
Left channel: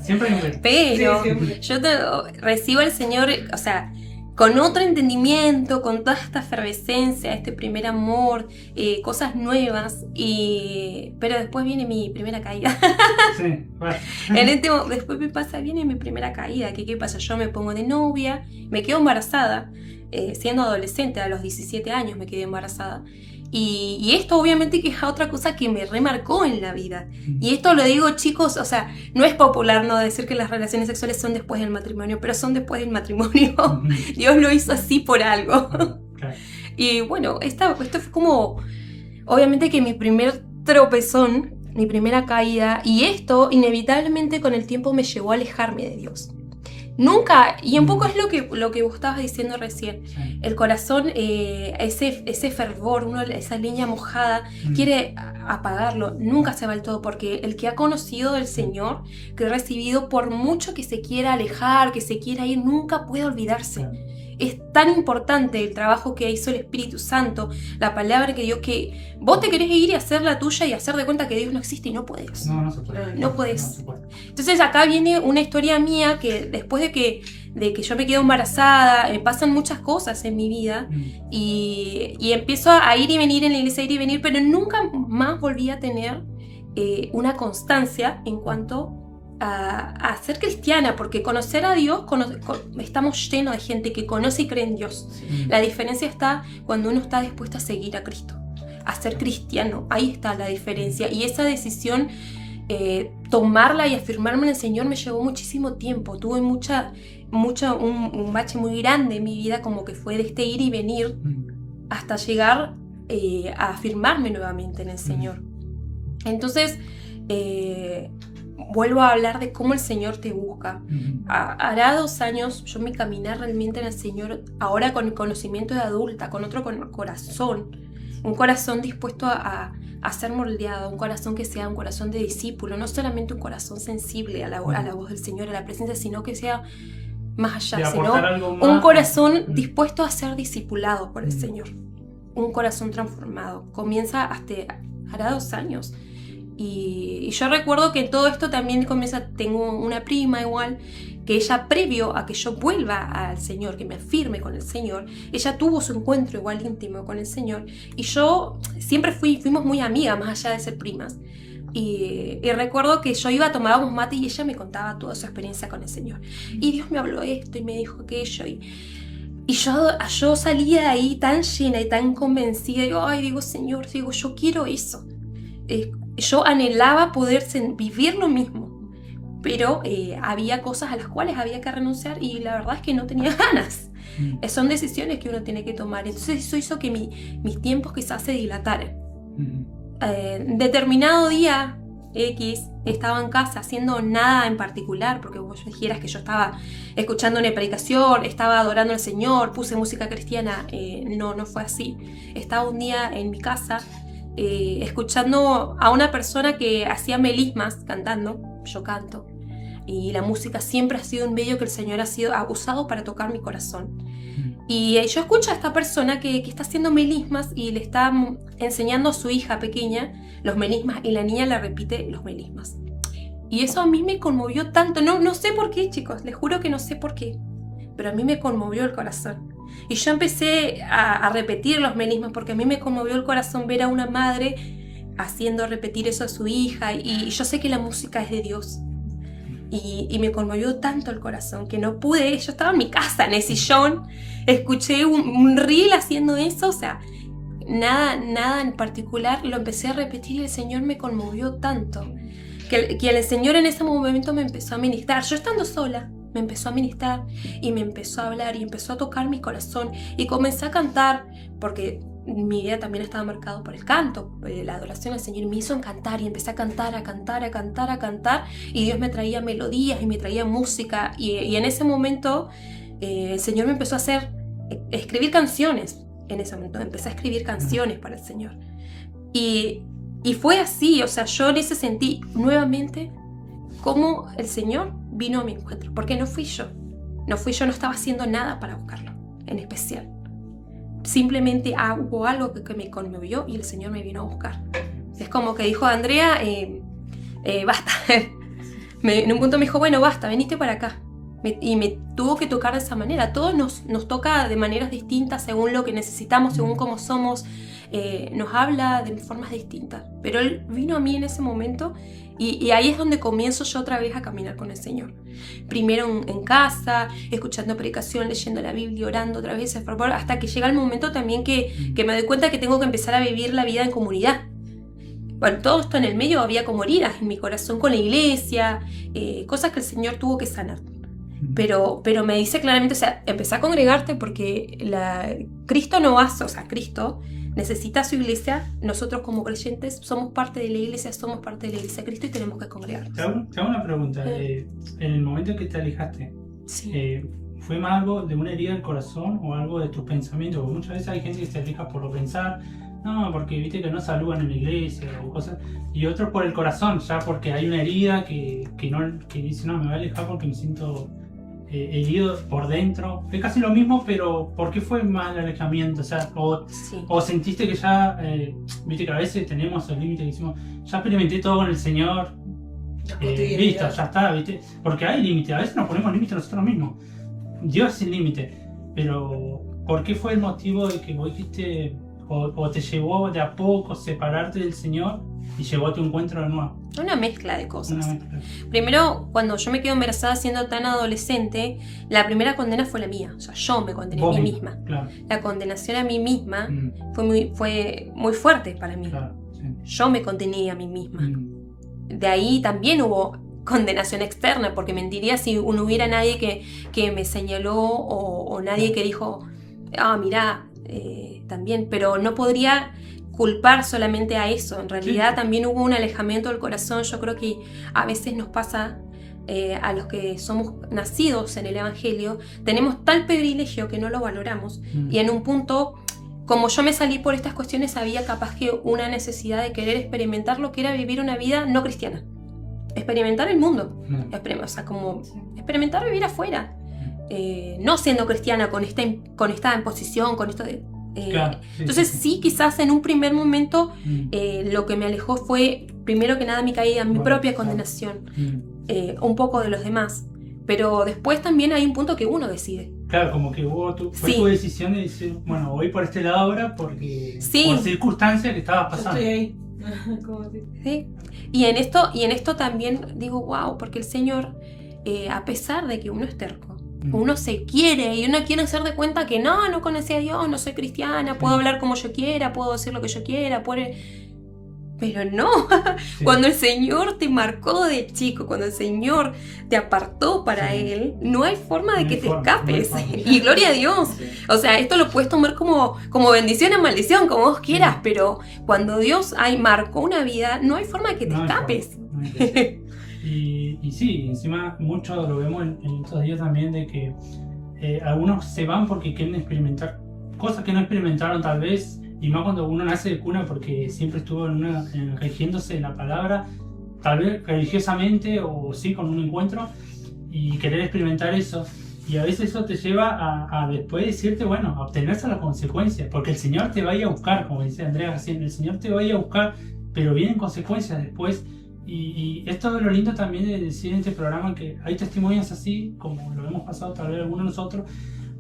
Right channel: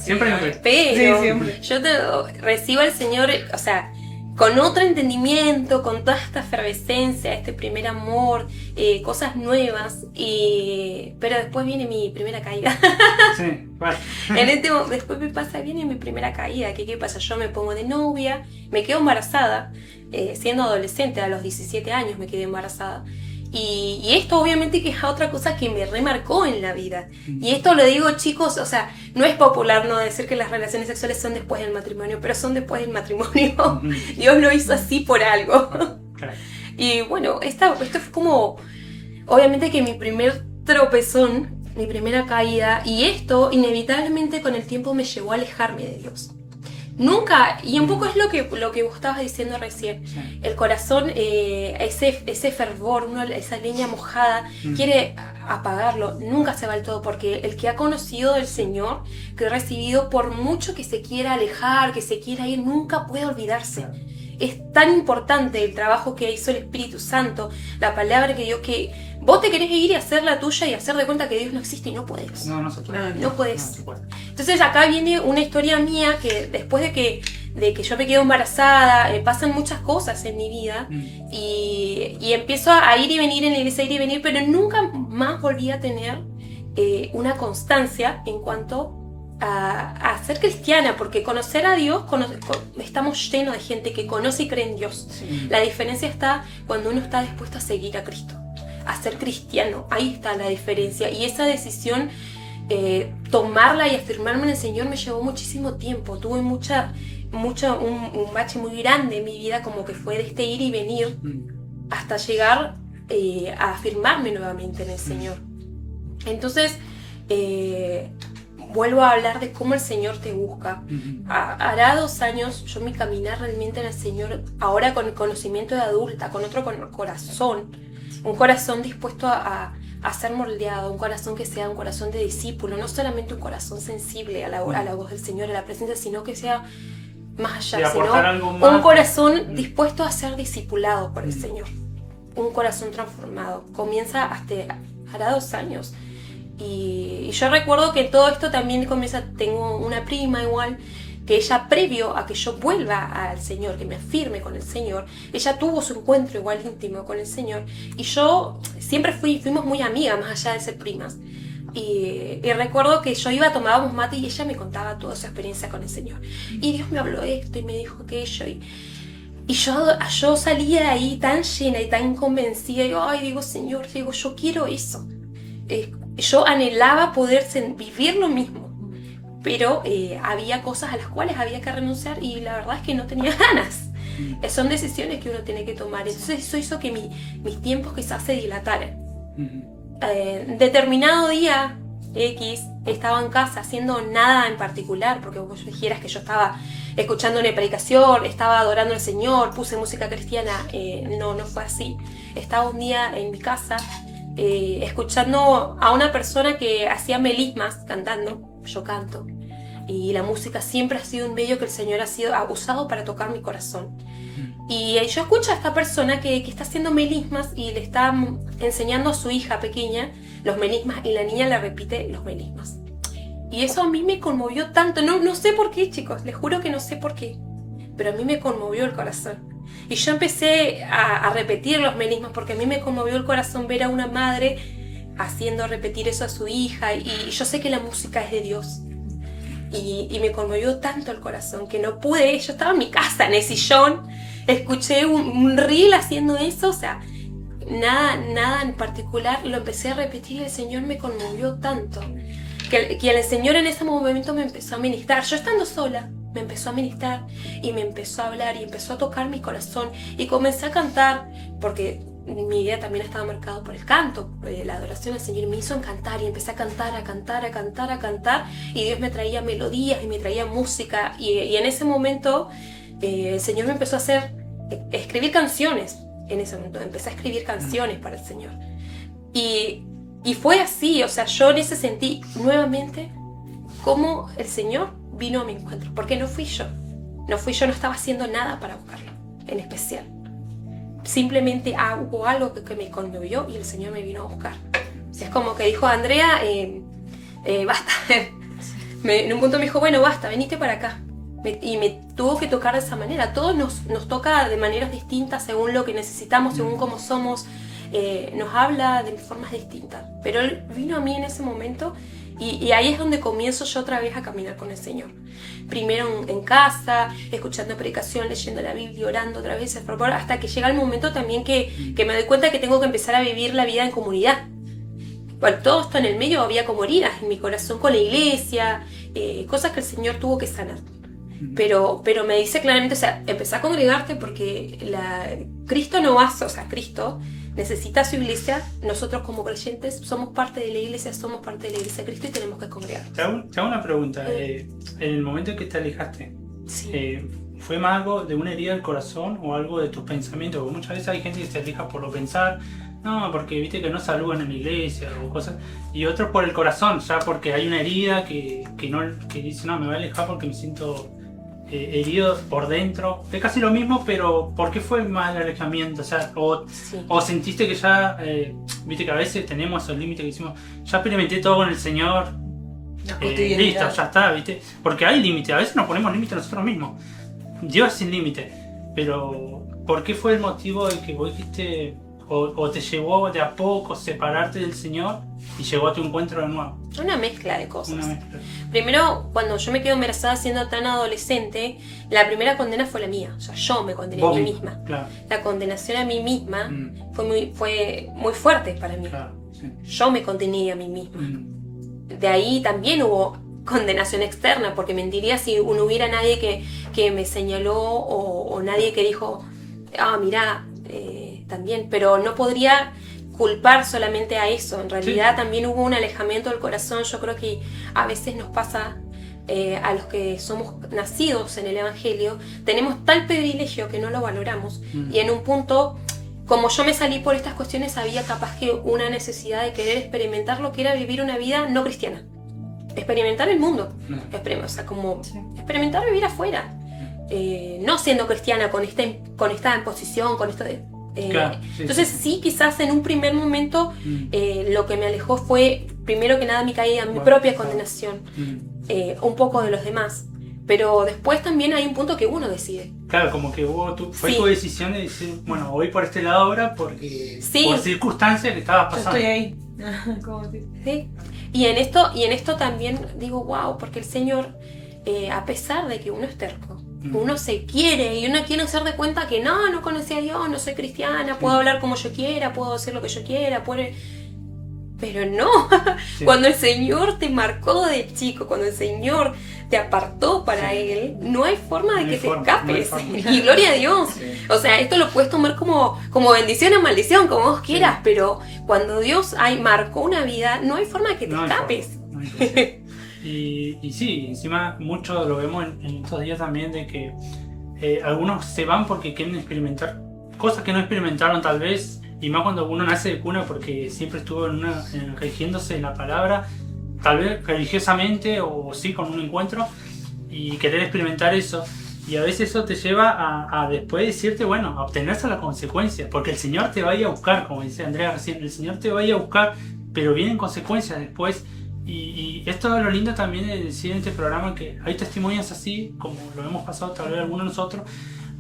Siempre hay un Pero Sí, siempre. yo recibo al Señor, o sea, con otro entendimiento, con toda esta efervescencia, este primer amor, cosas nuevas, pero después viene mi primera caída. Sí, vale. Después viene mi primera caída. ¿Qué pasa? Yo me pongo de novia, me quedo embarazada, siendo adolescente, a los 17 años me quedé embarazada. Y esto obviamente que es otra cosa que me remarcó en la vida. Y esto lo digo, chicos, o sea, no es popular no decir que las relaciones sexuales son después del matrimonio, pero son después del matrimonio. Dios lo hizo así por algo. Claro. Y bueno, esto fue como, obviamente que mi primer tropezón, mi primera caída, y esto inevitablemente con el tiempo me llevó a alejarme de Dios. Nunca, y un poco es lo que vos estabas diciendo recién, Sí. el corazón, ese fervor, esa leña mojada, quiere apagarlo, nunca se va del todo, porque el que ha conocido del Señor, que ha recibido, por mucho que se quiera alejar, que se quiera ir, nunca puede olvidarse. Es tan importante el trabajo que hizo el Espíritu Santo, la palabra que dio, que vos te querés ir y hacer la tuya y hacer de cuenta que Dios no existe y no podés. No se puede. No podés. No se puede. Entonces acá viene una historia mía que después de que yo me quedo embarazada, pasan muchas cosas en mi vida y empiezo a ir y venir en la iglesia, ir y venir, pero nunca más volví a tener una constancia en cuanto a ser cristiana, porque conocer a Dios, estamos llenos de gente que conoce y cree en Dios. La diferencia está cuando uno está dispuesto a seguir a Cristo, a ser cristiano. Ahí está la diferencia, y esa decisión, tomarla y afirmarme en el Señor, me llevó muchísimo tiempo. Tuve un bache muy grande en mi vida, como que fue de este ir y venir hasta llegar a afirmarme nuevamente en el Señor. Entonces vuelvo a hablar de cómo el Señor te busca. Hará 2 años yo me caminé realmente en el Señor, ahora con el conocimiento de adulta, con otro corazón, un corazón dispuesto a ser moldeado, un corazón que sea un corazón de discípulo, no solamente un corazón sensible a la voz del Señor, a la presencia, sino que sea más allá, sino un corazón dispuesto a ser discipulado por el Señor, un corazón transformado. Comienza hará 2 años. Y yo recuerdo que todo esto también comienza, tengo una prima igual, que ella, previo a que yo vuelva al Señor, que me afirme con el Señor, ella tuvo su encuentro igual íntimo con el Señor, y yo siempre fuimos muy amigas, más allá de ser primas. Y recuerdo que yo tomábamos mate y ella me contaba toda su experiencia con el Señor. Y Dios me habló esto y me dijo aquello. Y yo salía de ahí tan llena y tan convencida. Y digo, Señor, yo quiero eso. Yo anhelaba poder vivir lo mismo, pero había cosas a las cuales había que renunciar y la verdad es que no tenía ganas. Son decisiones que uno tiene que tomar. Entonces eso hizo que mis tiempos quizás se dilataran. Determinado día X estaba en casa haciendo nada en particular, porque vos dijeras que yo estaba escuchando una predicación, estaba adorando al Señor, puse música cristiana. No fue así. Estaba un día en mi casa escuchando a una persona que hacía melismas cantando. Yo canto, y la música siempre ha sido un medio que el Señor ha usado para tocar mi corazón. Y yo escucho a esta persona que está haciendo melismas y le está enseñando a su hija pequeña los melismas, y la niña le repite los melismas. Y eso a mí me conmovió tanto. No sé por qué, chicos, les juro que no sé por qué, pero a mí me conmovió el corazón. Y yo empecé a repetir los melismas porque a mí me conmovió el corazón ver a una madre haciendo repetir eso a su hija. Y yo sé que la música es de Dios. Y me conmovió tanto el corazón que no pude. Yo estaba en mi casa, en el sillón, escuché un reel haciendo eso, o sea, nada en particular, lo empecé a repetir y el Señor me conmovió tanto que el Señor en ese momento me empezó a ministrar. Yo estando sola, me empezó a ministrar y me empezó a hablar y empezó a tocar mi corazón, y comencé a cantar, porque mi vida también ha estado marcado por el canto, la adoración al Señor, y me hizo cantar, y empecé a cantar, y Dios me traía melodías y me traía música, y en ese momento el Señor me empezó a hacer escribir canciones. En ese momento empecé a escribir canciones para el Señor, y fue así. O sea, yo en ese sentí nuevamente cómo el Señor vino a mi encuentro, porque no fui yo, no estaba haciendo nada para buscarlo en especial. Simplemente hubo algo que me conmovió y el Señor me vino a buscar. O sea, es como que dijo Andrea, basta. En un punto me dijo, bueno, basta, venite para acá. Y me tuvo que tocar de esa manera. A todos nos toca de maneras distintas según lo que necesitamos, según cómo somos. Nos habla de formas distintas. Pero Él vino a mí en ese momento, y ahí es donde comienzo yo otra vez a caminar con el Señor. Primero en casa, escuchando predicación, leyendo la Biblia, orando otra vez, hasta que llega el momento también que me doy cuenta que tengo que empezar a vivir la vida en comunidad. Bueno, todo esto en el medio había como heridas en mi corazón con la iglesia, cosas que el Señor tuvo que sanar. Pero me dice claramente, o sea, empezá a congregarte porque Cristo no va, o sea, Cristo necesita su iglesia. Nosotros como creyentes somos parte de la iglesia de Cristo, y tenemos que congregarnos. Te hago una pregunta. En el momento en que te alejaste, Sí. ¿fue más algo de una herida del corazón o algo de tus pensamientos? Porque muchas veces hay gente que se aleja por lo pensar, no, porque viste que no saludan en la iglesia o cosas, y otros por el corazón, ya porque hay una herida que dice, no, me voy a alejar porque me siento herido por dentro. Es casi lo mismo, pero ¿por qué fue más el alejamiento? O sea, o sentiste que ya, viste que a veces tenemos esos límites que decimos, ya experimenté todo con el Señor, listo, ya está, viste. Porque hay límites, a veces nos ponemos límites nosotros mismos. Dios es sin límite, pero ¿por qué fue el motivo de que vos dijiste, o te llevó de a poco separarte del Señor y llegó a tu encuentro de nuevo? Una mezcla de cosas. Una mezcla. Primero, cuando yo me quedo embarazada siendo tan adolescente, la primera condena fue la mía. O sea, yo me condené a mí misma. Claro. La condenación a mí misma fue muy fuerte para mí. Claro, sí. Yo me condené a mí misma. De ahí también hubo condenación externa, porque mentiría si no hubiera nadie que me señaló o nadie que dijo, mirá, también, pero no podría culpar solamente a eso. En realidad también hubo un alejamiento del corazón. Yo creo que a veces nos pasa a los que somos nacidos en el Evangelio, tenemos tal privilegio que no lo valoramos, y en un punto, como yo me salí por estas cuestiones, había capaz que una necesidad de querer experimentar lo que era vivir una vida no cristiana, experimentar el mundo, o sea, como experimentar vivir afuera, no siendo cristiana con esta imposición, con esto de... Claro, entonces sí, quizás en un primer momento lo que me alejó fue, primero que nada, mi caída, mi propia condenación, un poco de los demás, pero después también hay un punto que uno decide. Claro, como que fue tu decisión de decir, bueno, voy por este lado ahora porque por circunstancias que estabas pasando. Yo estoy ahí. ¿Sí? Y en esto también digo, wow, porque el Señor, a pesar de que uno es terco, uno se quiere y uno quiere hacer de cuenta que no conocí a Dios, no soy cristiana, puedo hablar como yo quiera, puedo hacer lo que yo quiera, Pero no, Sí. cuando el Señor te marcó de chico, cuando el Señor te apartó para Sí. Él, no hay forma de No que hay te forma, no hay escapes. forma. Y gloria a Dios. Sí. O sea, esto lo puedes tomar como bendición o maldición, como vos quieras, Sí. pero cuando Dios marcó una vida, no hay forma de que te No hay escapes. forma, no hay forma. Y sí, encima mucho lo vemos en estos días también de que algunos se van porque quieren experimentar cosas que no experimentaron tal vez, y más cuando uno nace de cuna porque siempre estuvo rigiéndose en la palabra, tal vez religiosamente o sí con un encuentro, y querer experimentar eso. Y a veces eso te lleva a después decirte, bueno, a obtenerse las consecuencias, porque el Señor te va a ir a buscar, como dice Andrea recién, el Señor te va a ir a buscar, pero vienen consecuencias después. Y esto es lo lindo también de decir en este programa, que hay testimonios así, como lo hemos pasado tal vez algunos de nosotros,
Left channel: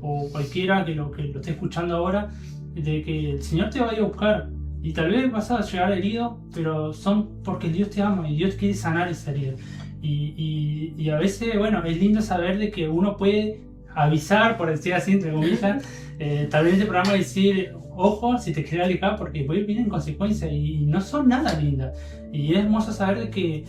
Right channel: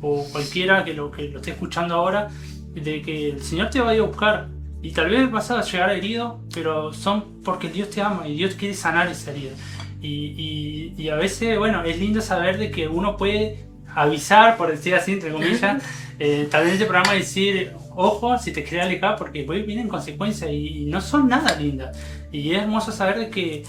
o cualquiera que lo esté escuchando ahora, de que el Señor te va a ir a buscar. Y tal vez vas a llegar herido, pero son porque Dios te ama y Dios quiere sanar esa herida. Y a veces, bueno, es lindo saber de que uno puede avisar, por decir así, entre comillas, tal vez en este programa decir, ojo, si te quieres alejar, porque después vienen consecuencias y no son nada lindas. Y es hermoso saber de que,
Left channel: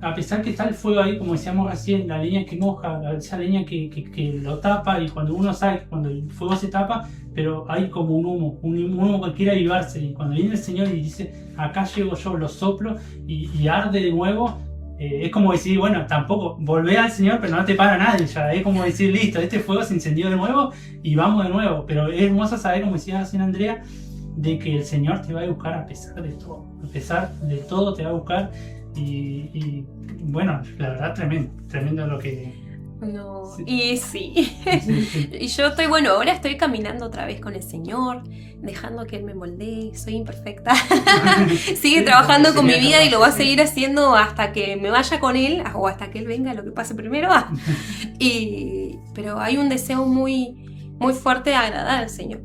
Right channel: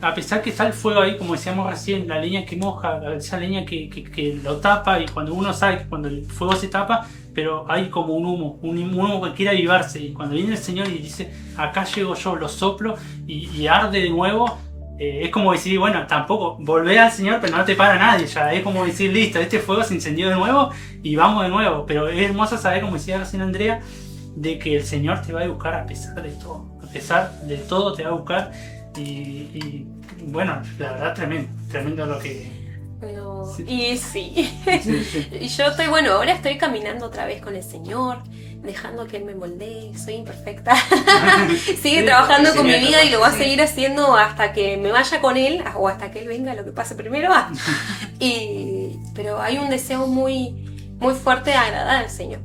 a pesar que está el fuego ahí, como decíamos recién, la leña que moja, esa leña que lo tapa, y cuando uno sabe que cuando el fuego se tapa, pero hay como un humo que quiere avivarse, y cuando viene el Señor y dice, acá llego yo, lo soplo y arde de nuevo, es como decir, bueno, tampoco, volvé al Señor, pero no te para nadie ya, es como decir, listo, este fuego se encendió de nuevo y vamos de nuevo. Pero es hermoso saber, como decía recién Andrea, de que el Señor te va a buscar a pesar de todo, a pesar de todo te va a buscar. Y bueno, la verdad, tremendo lo que... No, Sí. y sí. Sí. Y yo estoy, bueno, ahora estoy caminando otra vez con el Señor, dejando que Él me moldee, soy imperfecta. Sigue Sí, trabajando con mi vida y lo va a Sí. seguir haciendo hasta que me vaya con Él, o hasta que Él venga, lo que pase primero. Pero hay un deseo muy, muy fuerte de agradar al Señor,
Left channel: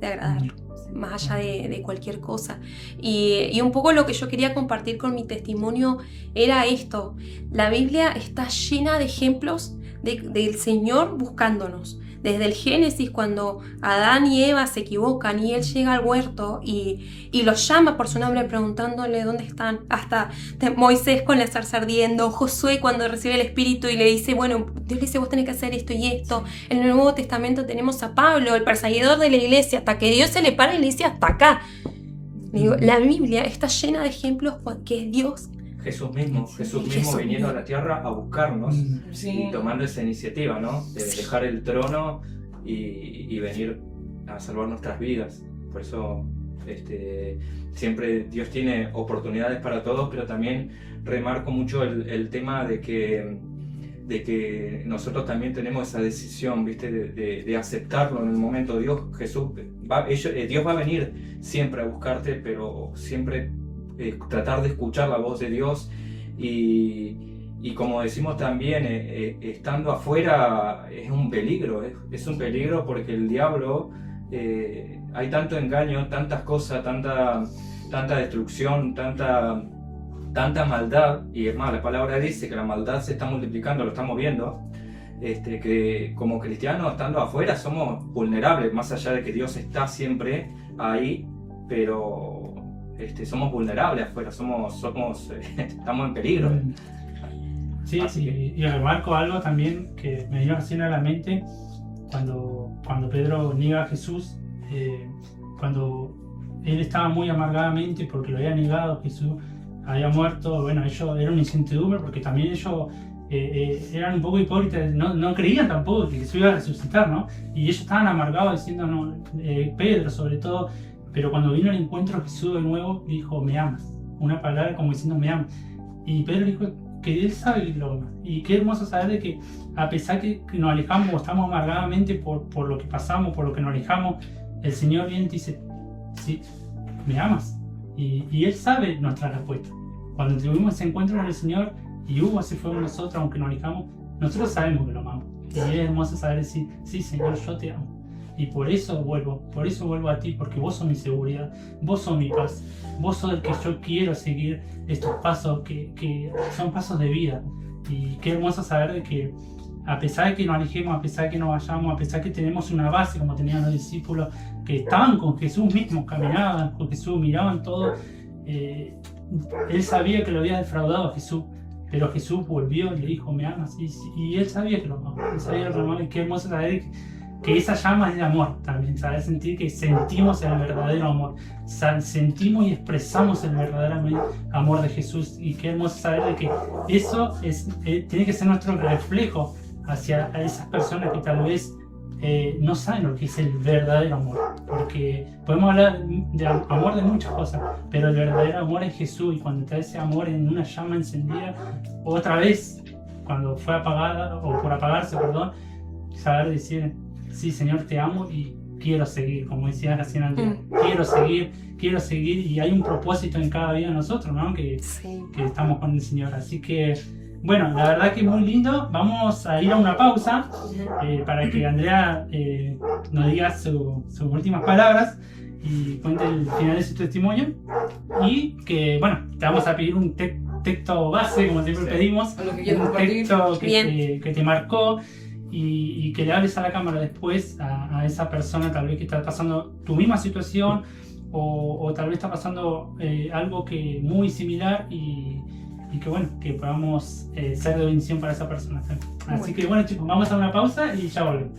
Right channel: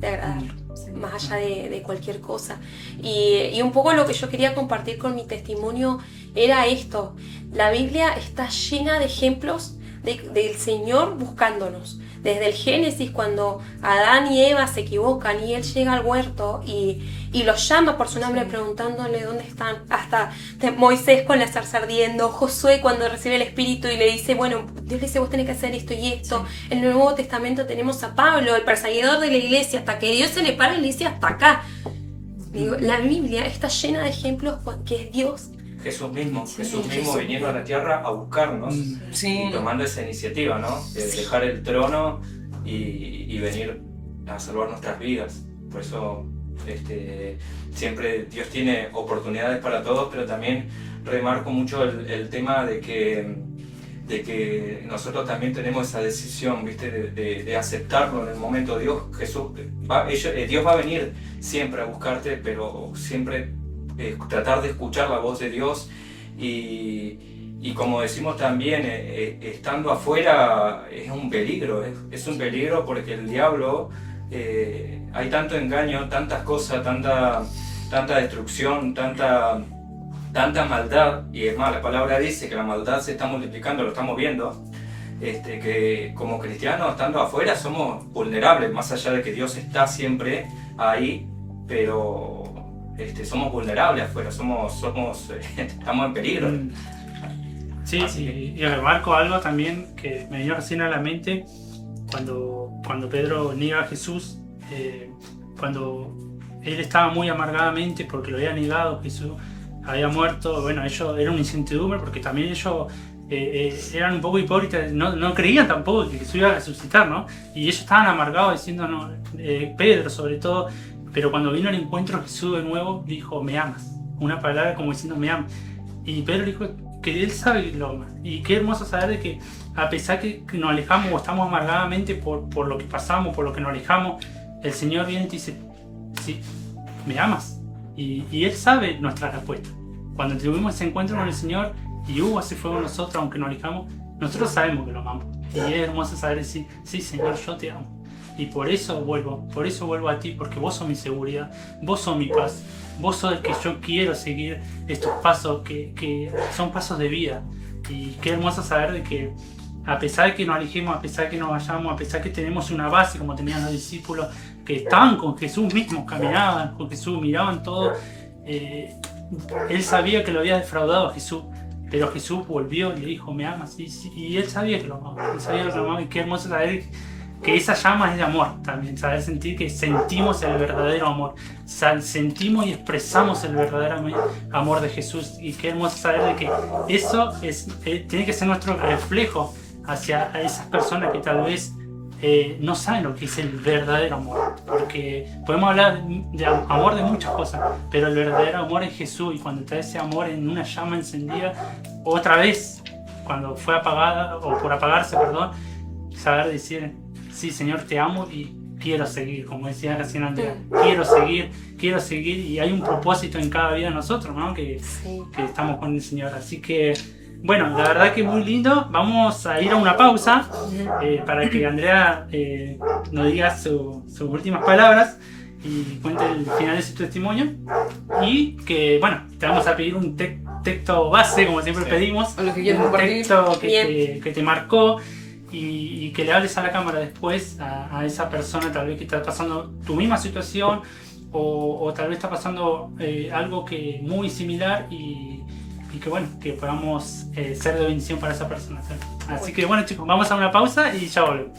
de agradarlo, más allá de cualquier cosa. Y un poco lo que yo quería compartir con mi testimonio era esto. La Biblia está llena de ejemplos del Señor buscándonos. Desde el Génesis, cuando Adán y Eva se equivocan y Él llega al huerto y los llama por su nombre preguntándole dónde están. Hasta Moisés con la zarza ardiendo, Josué cuando recibe el Espíritu y le dice, bueno, Dios le dice, vos tenés que hacer esto y esto. En el Nuevo Testamento tenemos a Pablo, el perseguidor de la iglesia, hasta que Dios se le para y le dice, hasta acá. Digo, la Biblia está llena de ejemplos que es Dios. Jesús mismo Jesús viniendo a la tierra a buscarnos Sí. y tomando esa iniciativa, ¿no? De dejar el trono y venir a salvar nuestras vidas. Por eso siempre Dios tiene oportunidades para todos, pero también remarco mucho el tema de que nosotros también tenemos esa decisión, ¿viste? De aceptarlo en el momento. Dios va a venir siempre a buscarte, pero siempre tratar de escuchar la voz de Dios y como decimos también, estando afuera es un peligro, es un peligro porque el diablo, hay tanto engaño, tantas cosas, tanta destrucción, tanta maldad, y es más, la palabra dice que la maldad se está multiplicando, lo estamos viendo, que como cristianos estando afuera somos vulnerables, más allá de que Dios está siempre ahí, pero somos vulnerables afuera, estamos en peligro. Sí, Así que- y remarco algo también que me vino recién a la mente cuando Pedro niega a Jesús, cuando él estaba muy amargadamente porque lo había negado, Jesús había muerto. Bueno, ellos era una incertidumbre porque también ellos eran un poco hipócritas, no creían tampoco que Jesús iba a resucitar, ¿no? Y ellos estaban amargados diciendo, no, Pedro sobre todo. Pero cuando vino al encuentro Jesús de nuevo, dijo, me amas. Una palabra como diciendo, me amas. Y Pedro dijo que él sabe que lo ama. Y qué hermoso saber de que a pesar que nos alejamos o estamos amargadamente por lo que pasamos, por lo que nos alejamos, el Señor viene y te dice, sí, me amas. Y Él sabe nuestra respuesta. Cuando tuvimos ese encuentro con el Señor y hubo ese fuego en nosotros, aunque nos alejamos, nosotros sabemos que lo amamos. Y es hermoso saber decir, sí Señor, yo te amo. Y por eso vuelvo a ti, porque vos sos mi seguridad, vos sos mi paz, vos sos el que yo quiero seguir estos pasos que son pasos de vida. Y qué hermoso saber de que a pesar de que nos alejemos, a pesar de que nos vayamos, a pesar de que tenemos una base como tenían los discípulos, que estaban con Jesús mismos, caminaban con Jesús, miraban todo, él sabía que lo había defraudado a Jesús, pero Jesús volvió y le dijo, ¿me amas? Y él sabía que lo amaba, él sabía que lo amaba, y qué hermoso saber que esa llama es de amor también, saber sentir que sentimos el verdadero amor, sentimos y expresamos el verdadero amor de Jesús, y qué hermoso saber de que eso tiene que ser nuestro reflejo hacia esas personas que tal vez no saben lo que es el verdadero amor, porque podemos hablar de amor de muchas cosas, pero el verdadero amor es Jesús, y cuando está ese amor en una llama encendida, otra vez, cuando fue apagada, o por apagarse, perdón, saber decir, sí, Señor, te amo y quiero seguir, como decía recién Andrea, quiero seguir, y hay un propósito en cada vida de nosotros, ¿no? Que estamos con el Señor, así que bueno, la verdad que es muy lindo. Vamos a ir a una pausa para que Andrea nos diga sus últimas palabras y cuente el final de su testimonio, y que bueno, te vamos a pedir un texto base, como siempre pedimos, O lo que quieras un compartir. texto que te marcó, y que le hables a la cámara después a esa persona tal vez que está pasando tu misma situación, o tal vez está pasando algo que muy similar, y que bueno, que podamos ser de bendición para esa persona. Así que bueno, chicos, vamos a una pausa y ya volvemos.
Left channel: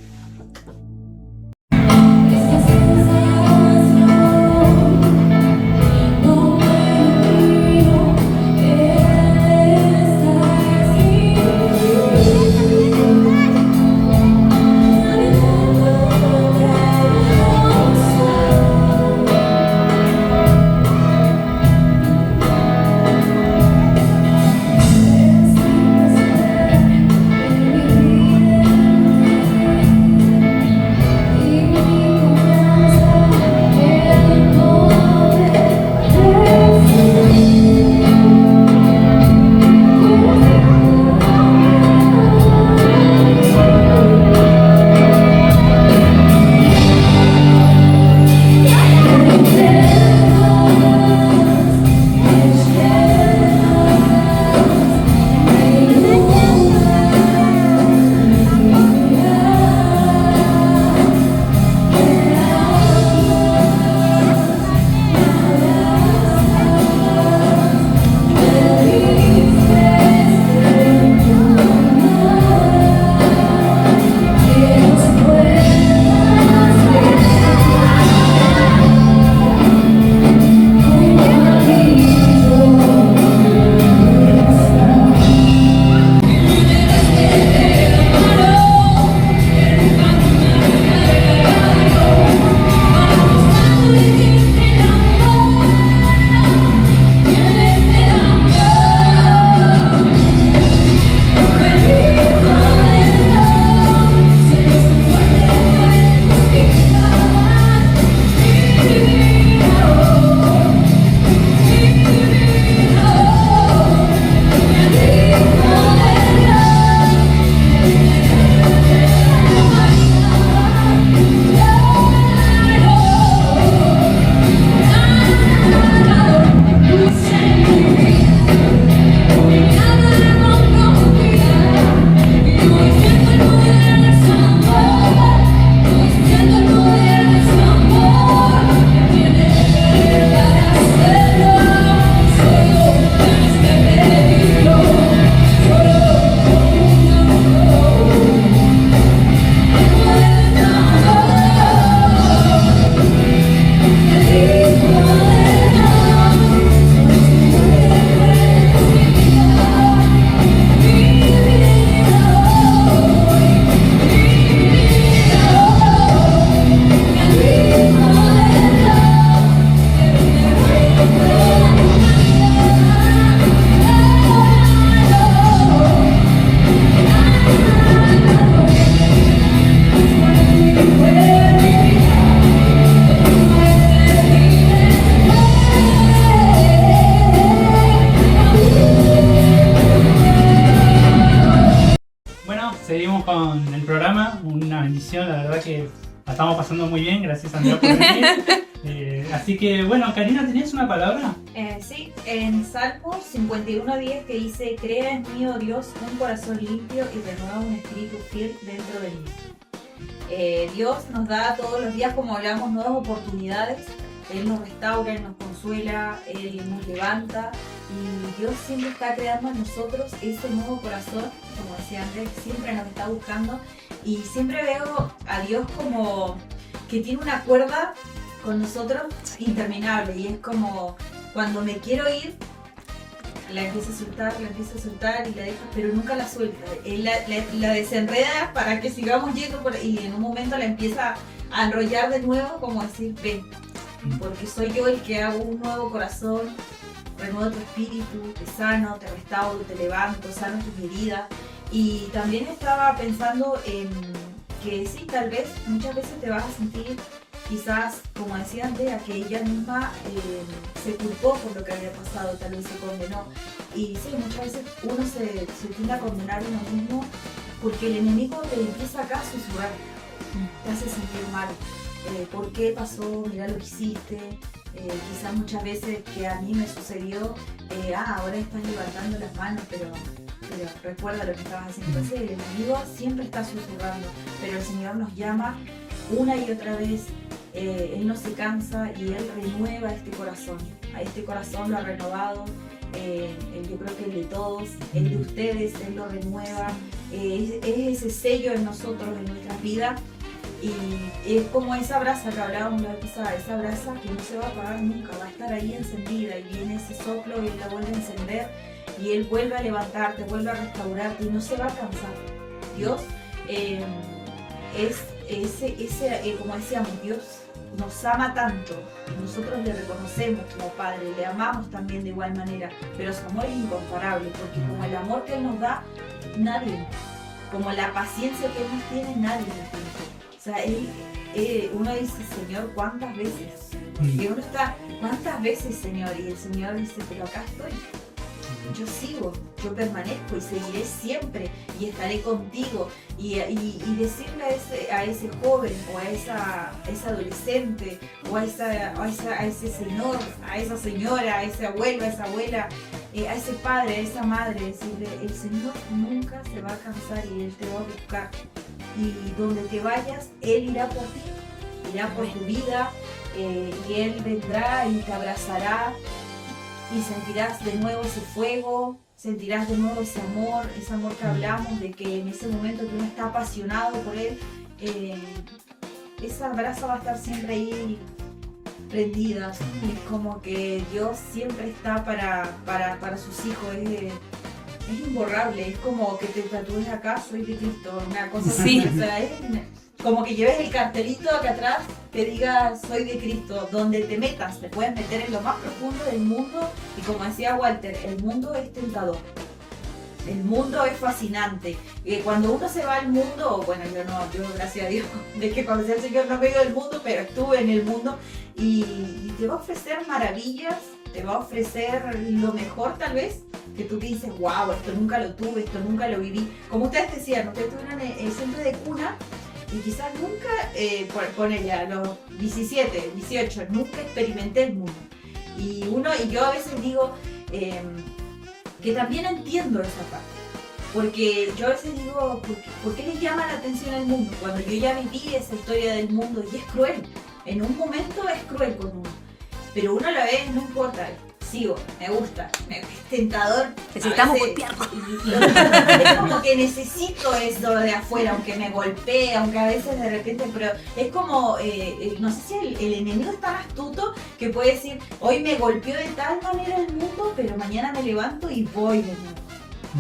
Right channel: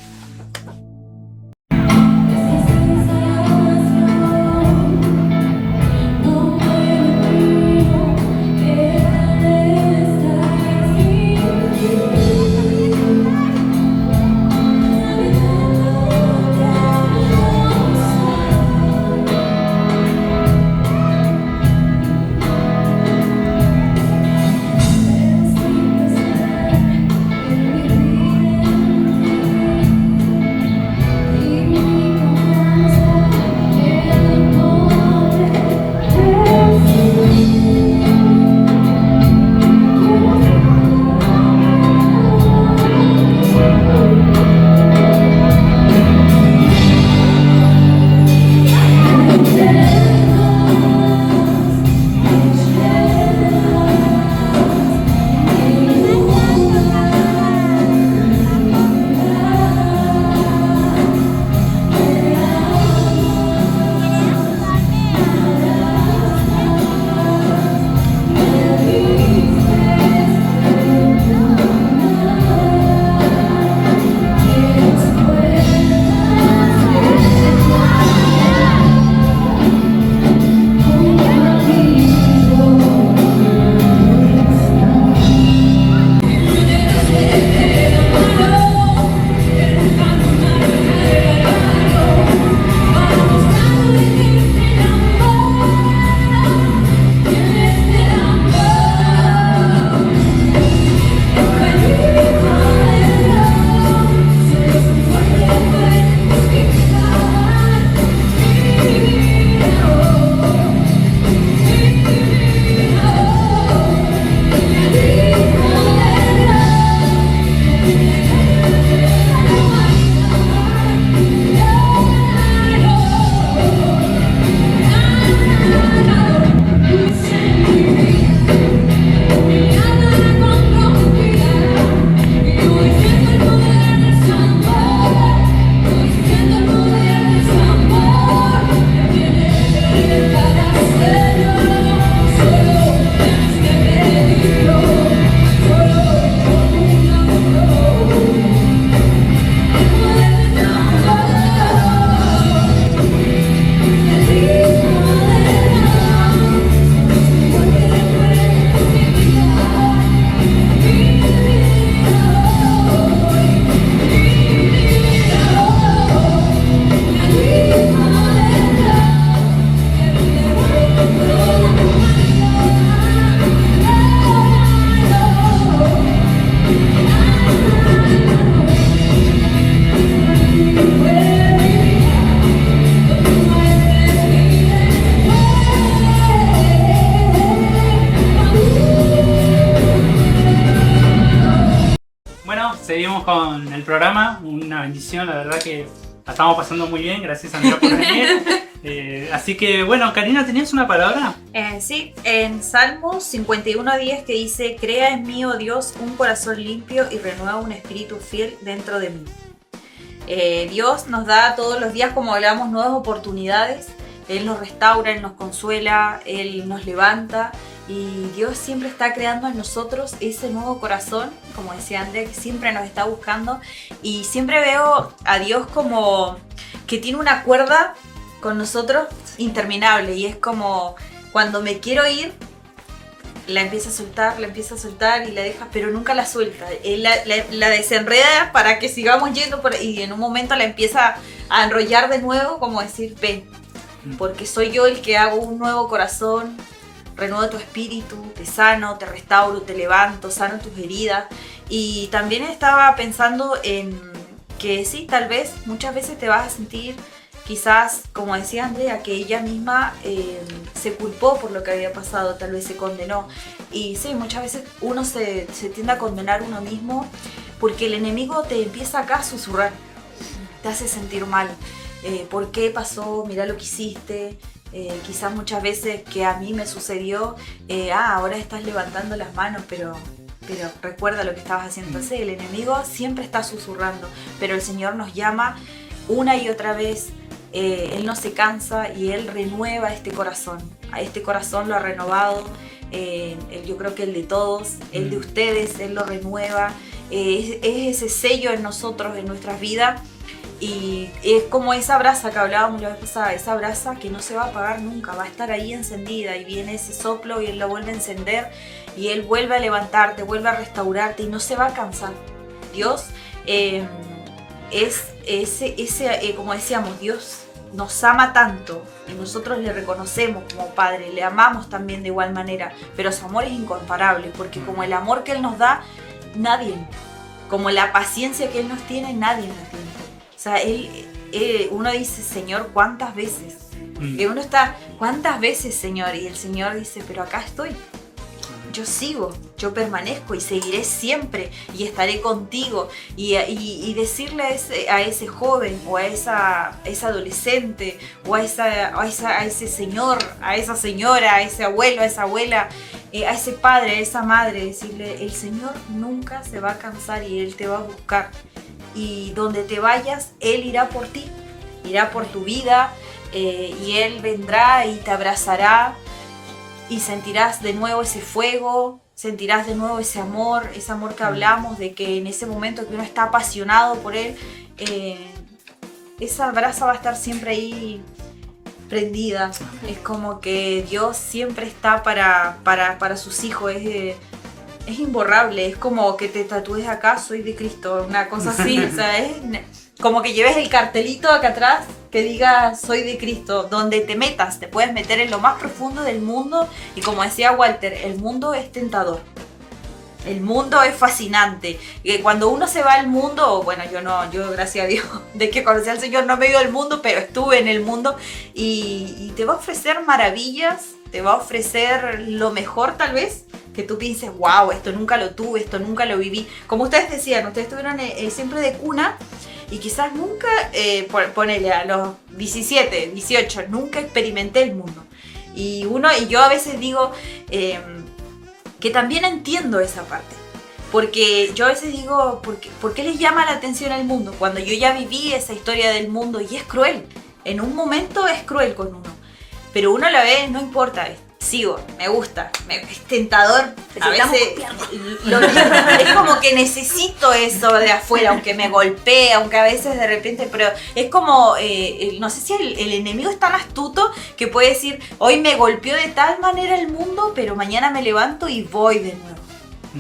Seguimos con el programa, una bendición, la verdad que la estamos pasando muy bien, gracias Andrea por venir. Así que bueno, Karina, ¿tenías una palabra? Sí, en Salmos 51:10 que dice: crea en mí, oh Dios, un corazón limpio y renueva un espíritu fiel dentro de mí. Dios nos da todos los días, como hablamos, nuevas oportunidades. Él nos restaura, Él nos consuela, Él nos levanta. Y Dios siempre está creando en nosotros ese nuevo corazón, como decía André, que siempre nos está buscando. Y siempre veo a Dios como que tiene una cuerda con nosotros interminable. Y es como cuando me quiero ir, la empieza a soltar y la deja, pero nunca la suelta. Él la desenreda para que sigamos yendo y en un momento la empieza a enrollar de nuevo, como decir, ven, porque soy yo el que hago un nuevo corazón. Renuevo tu espíritu, te sano, te restauro, te levanto, sano tus heridas. Y también estaba pensando en que sí, tal vez, muchas veces te vas a sentir, quizás, como decía Andrea, que ella misma se culpó por lo que había pasado, tal vez se condenó. Y sí, muchas veces uno se tiende a condenar a uno mismo porque el enemigo te empieza acá a susurrar, te hace sentir mal. ¿Por qué pasó? Mira lo que hiciste. Quizás muchas veces que a mí me sucedió, ahora estás levantando las manos, pero recuerda lo que estabas haciendo. Entonces el enemigo siempre está susurrando, pero el Señor nos llama una y otra vez. Él no se cansa y Él renueva este corazón. A este corazón lo ha renovado, yo creo que el de todos, el de ustedes, Él lo renueva. Es ese sello en nosotros, en nuestras vidas. Y es como esa brasa que hablábamos la vez pasada, esa brasa que no se va a apagar nunca, va a estar ahí encendida y viene ese soplo y Él la vuelve a encender y Él vuelve a levantarte, vuelve a restaurarte y no se va a cansar. Dios es como decíamos, Dios nos ama tanto y nosotros le reconocemos como Padre, le amamos también de igual manera, pero su amor es incomparable porque como el amor que Él nos da, nadie, como la paciencia que Él nos tiene, nadie la tiene. O sea, uno dice, Señor, ¿cuántas veces? Que uno está, ¿cuántas veces, Señor? Y el Señor dice, pero acá estoy. Yo sigo, yo permanezco y seguiré siempre y estaré contigo. Y decirle a ese joven o a esa adolescente o a ese señor, a esa señora, a ese abuelo, a esa abuela, a ese padre, a esa madre, decirle, el Señor nunca se va a cansar y Él te va a buscar. Y donde te vayas, Él irá por ti, irá por tu vida, y Él vendrá y te abrazará y sentirás de nuevo ese fuego, sentirás de nuevo ese amor que hablamos, de que en ese momento que uno está apasionado por Él, esa brasa va a estar siempre ahí prendida. Es como que Dios siempre está para sus hijos, es imborrable, es como que te tatúes acá, soy de Cristo, una cosa así, o sea, es como que lleves el cartelito acá atrás que diga soy de Cristo, donde te metas, te puedes meter en lo más profundo del mundo y como decía Walter, el mundo es tentador, el mundo es fascinante, cuando uno se va al mundo, bueno yo gracias a Dios de que conocí al Señor no me he ido del mundo, pero estuve en el mundo y te va a ofrecer maravillas, te va a ofrecer lo mejor tal vez, que tú pienses, wow, esto nunca lo tuve, esto nunca lo viví. Como ustedes decían, ustedes estuvieron siempre de cuna y quizás nunca, ponele a los 17, 18, nunca experimenté el mundo. Y yo a veces digo que también entiendo esa parte. Porque yo a veces digo, ¿por qué les llama la atención el mundo? Cuando yo ya viví esa historia del mundo y es cruel. En un momento es cruel con uno. Pero uno la ve, no importa, sigo, me gusta, es tentador. A veces es como que necesito eso de afuera, aunque me golpee, aunque a veces de repente, pero es como, no sé si el enemigo es tan astuto que puede decir, hoy me golpeó de tal manera el mundo, pero mañana me levanto y voy de nuevo.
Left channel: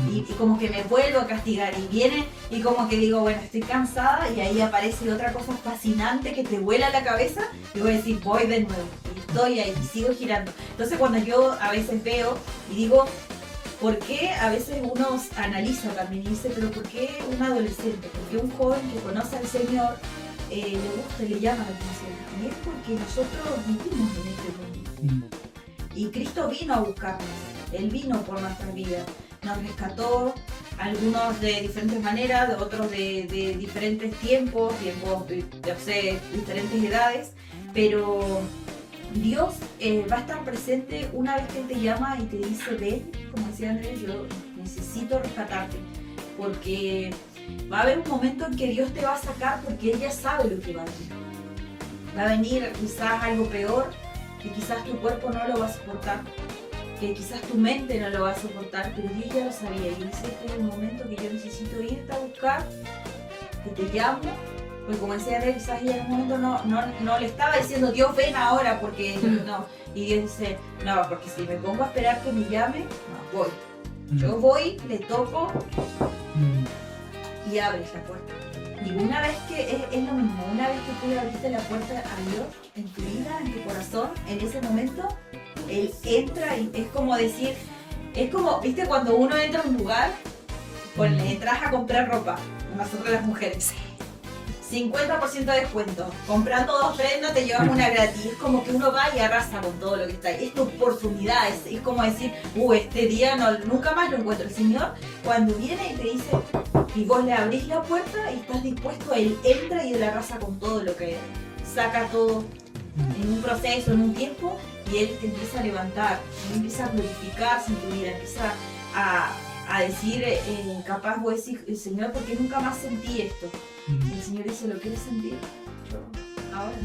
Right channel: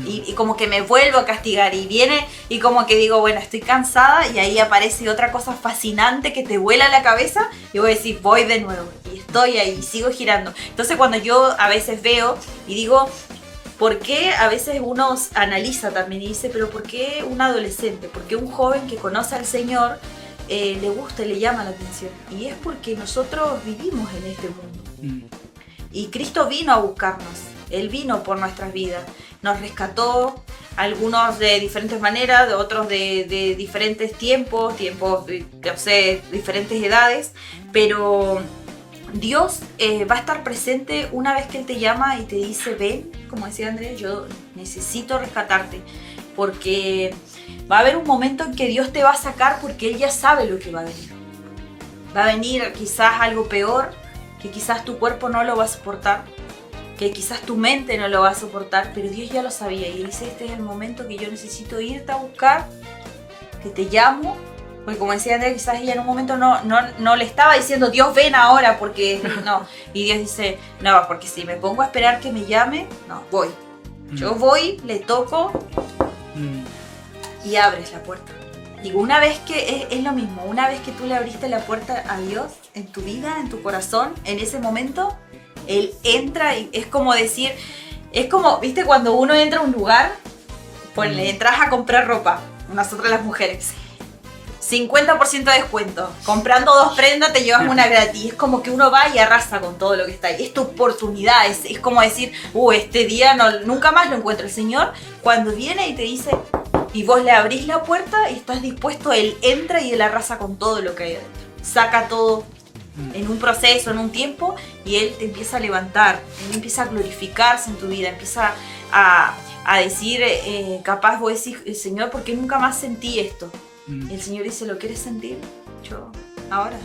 Y como que me vuelvo a castigar y viene y como que digo, bueno, estoy cansada y ahí aparece otra cosa fascinante que te vuela la cabeza y voy a decir, voy de nuevo y estoy ahí y sigo girando. Entonces cuando yo a veces veo y digo, ¿por qué a veces uno analiza también y dice, pero por qué un adolescente, por qué un joven que conoce al Señor le gusta y le llama la atención? Y es porque nosotros vivimos en este mundo y Cristo vino a buscarnos, Él vino por nuestras vidas. Nos rescató, algunos de diferentes maneras, de otros de diferentes tiempos, no sé, diferentes edades, pero Dios va a estar presente una vez que Él te llama y te dice, ven, como decía Andrés, yo necesito rescatarte, porque va a haber un momento en que Dios te va a sacar porque Él ya sabe lo que va a venir. Va a venir quizás algo peor, que quizás tu cuerpo no lo va a soportar, que quizás tu mente no lo va a soportar, pero Dios ya lo sabía y dice, este es el momento que yo necesito irte a buscar, que te llamo, porque como decía Andrea, quizás ella en un momento no le estaba diciendo, Dios ven ahora, porque no, y Dios dice, no, porque si me pongo a esperar que me llame, no, voy. Yo voy, le toco y abres la puerta. Digo, una vez que es lo mismo, una vez que tú le abriste la puerta a Dios en tu vida, en tu corazón, en ese momento, Él entra y es como decir, es como, ¿viste? Cuando uno entra a un lugar, pues le entras a comprar ropa, nosotras las mujeres, 50% de descuento, comprando 2 prendas te llevas una gratis, es como que uno va y arrasa con todo lo que está ahí, es tu oportunidad, es como decir, este día nunca más lo encuentro. El Señor cuando viene y te dice, y vos le abrís la puerta y estás dispuesto, Él entra y Él arrasa con todo lo que hay, saca todo en un proceso, en un tiempo, y Él te empieza a levantar, Él empieza a glorificarse en tu vida, empieza a decir, capaz vos decís, Señor, ¿por qué nunca más sentí esto? El Señor dice, ¿lo quieres sentir? Ahora,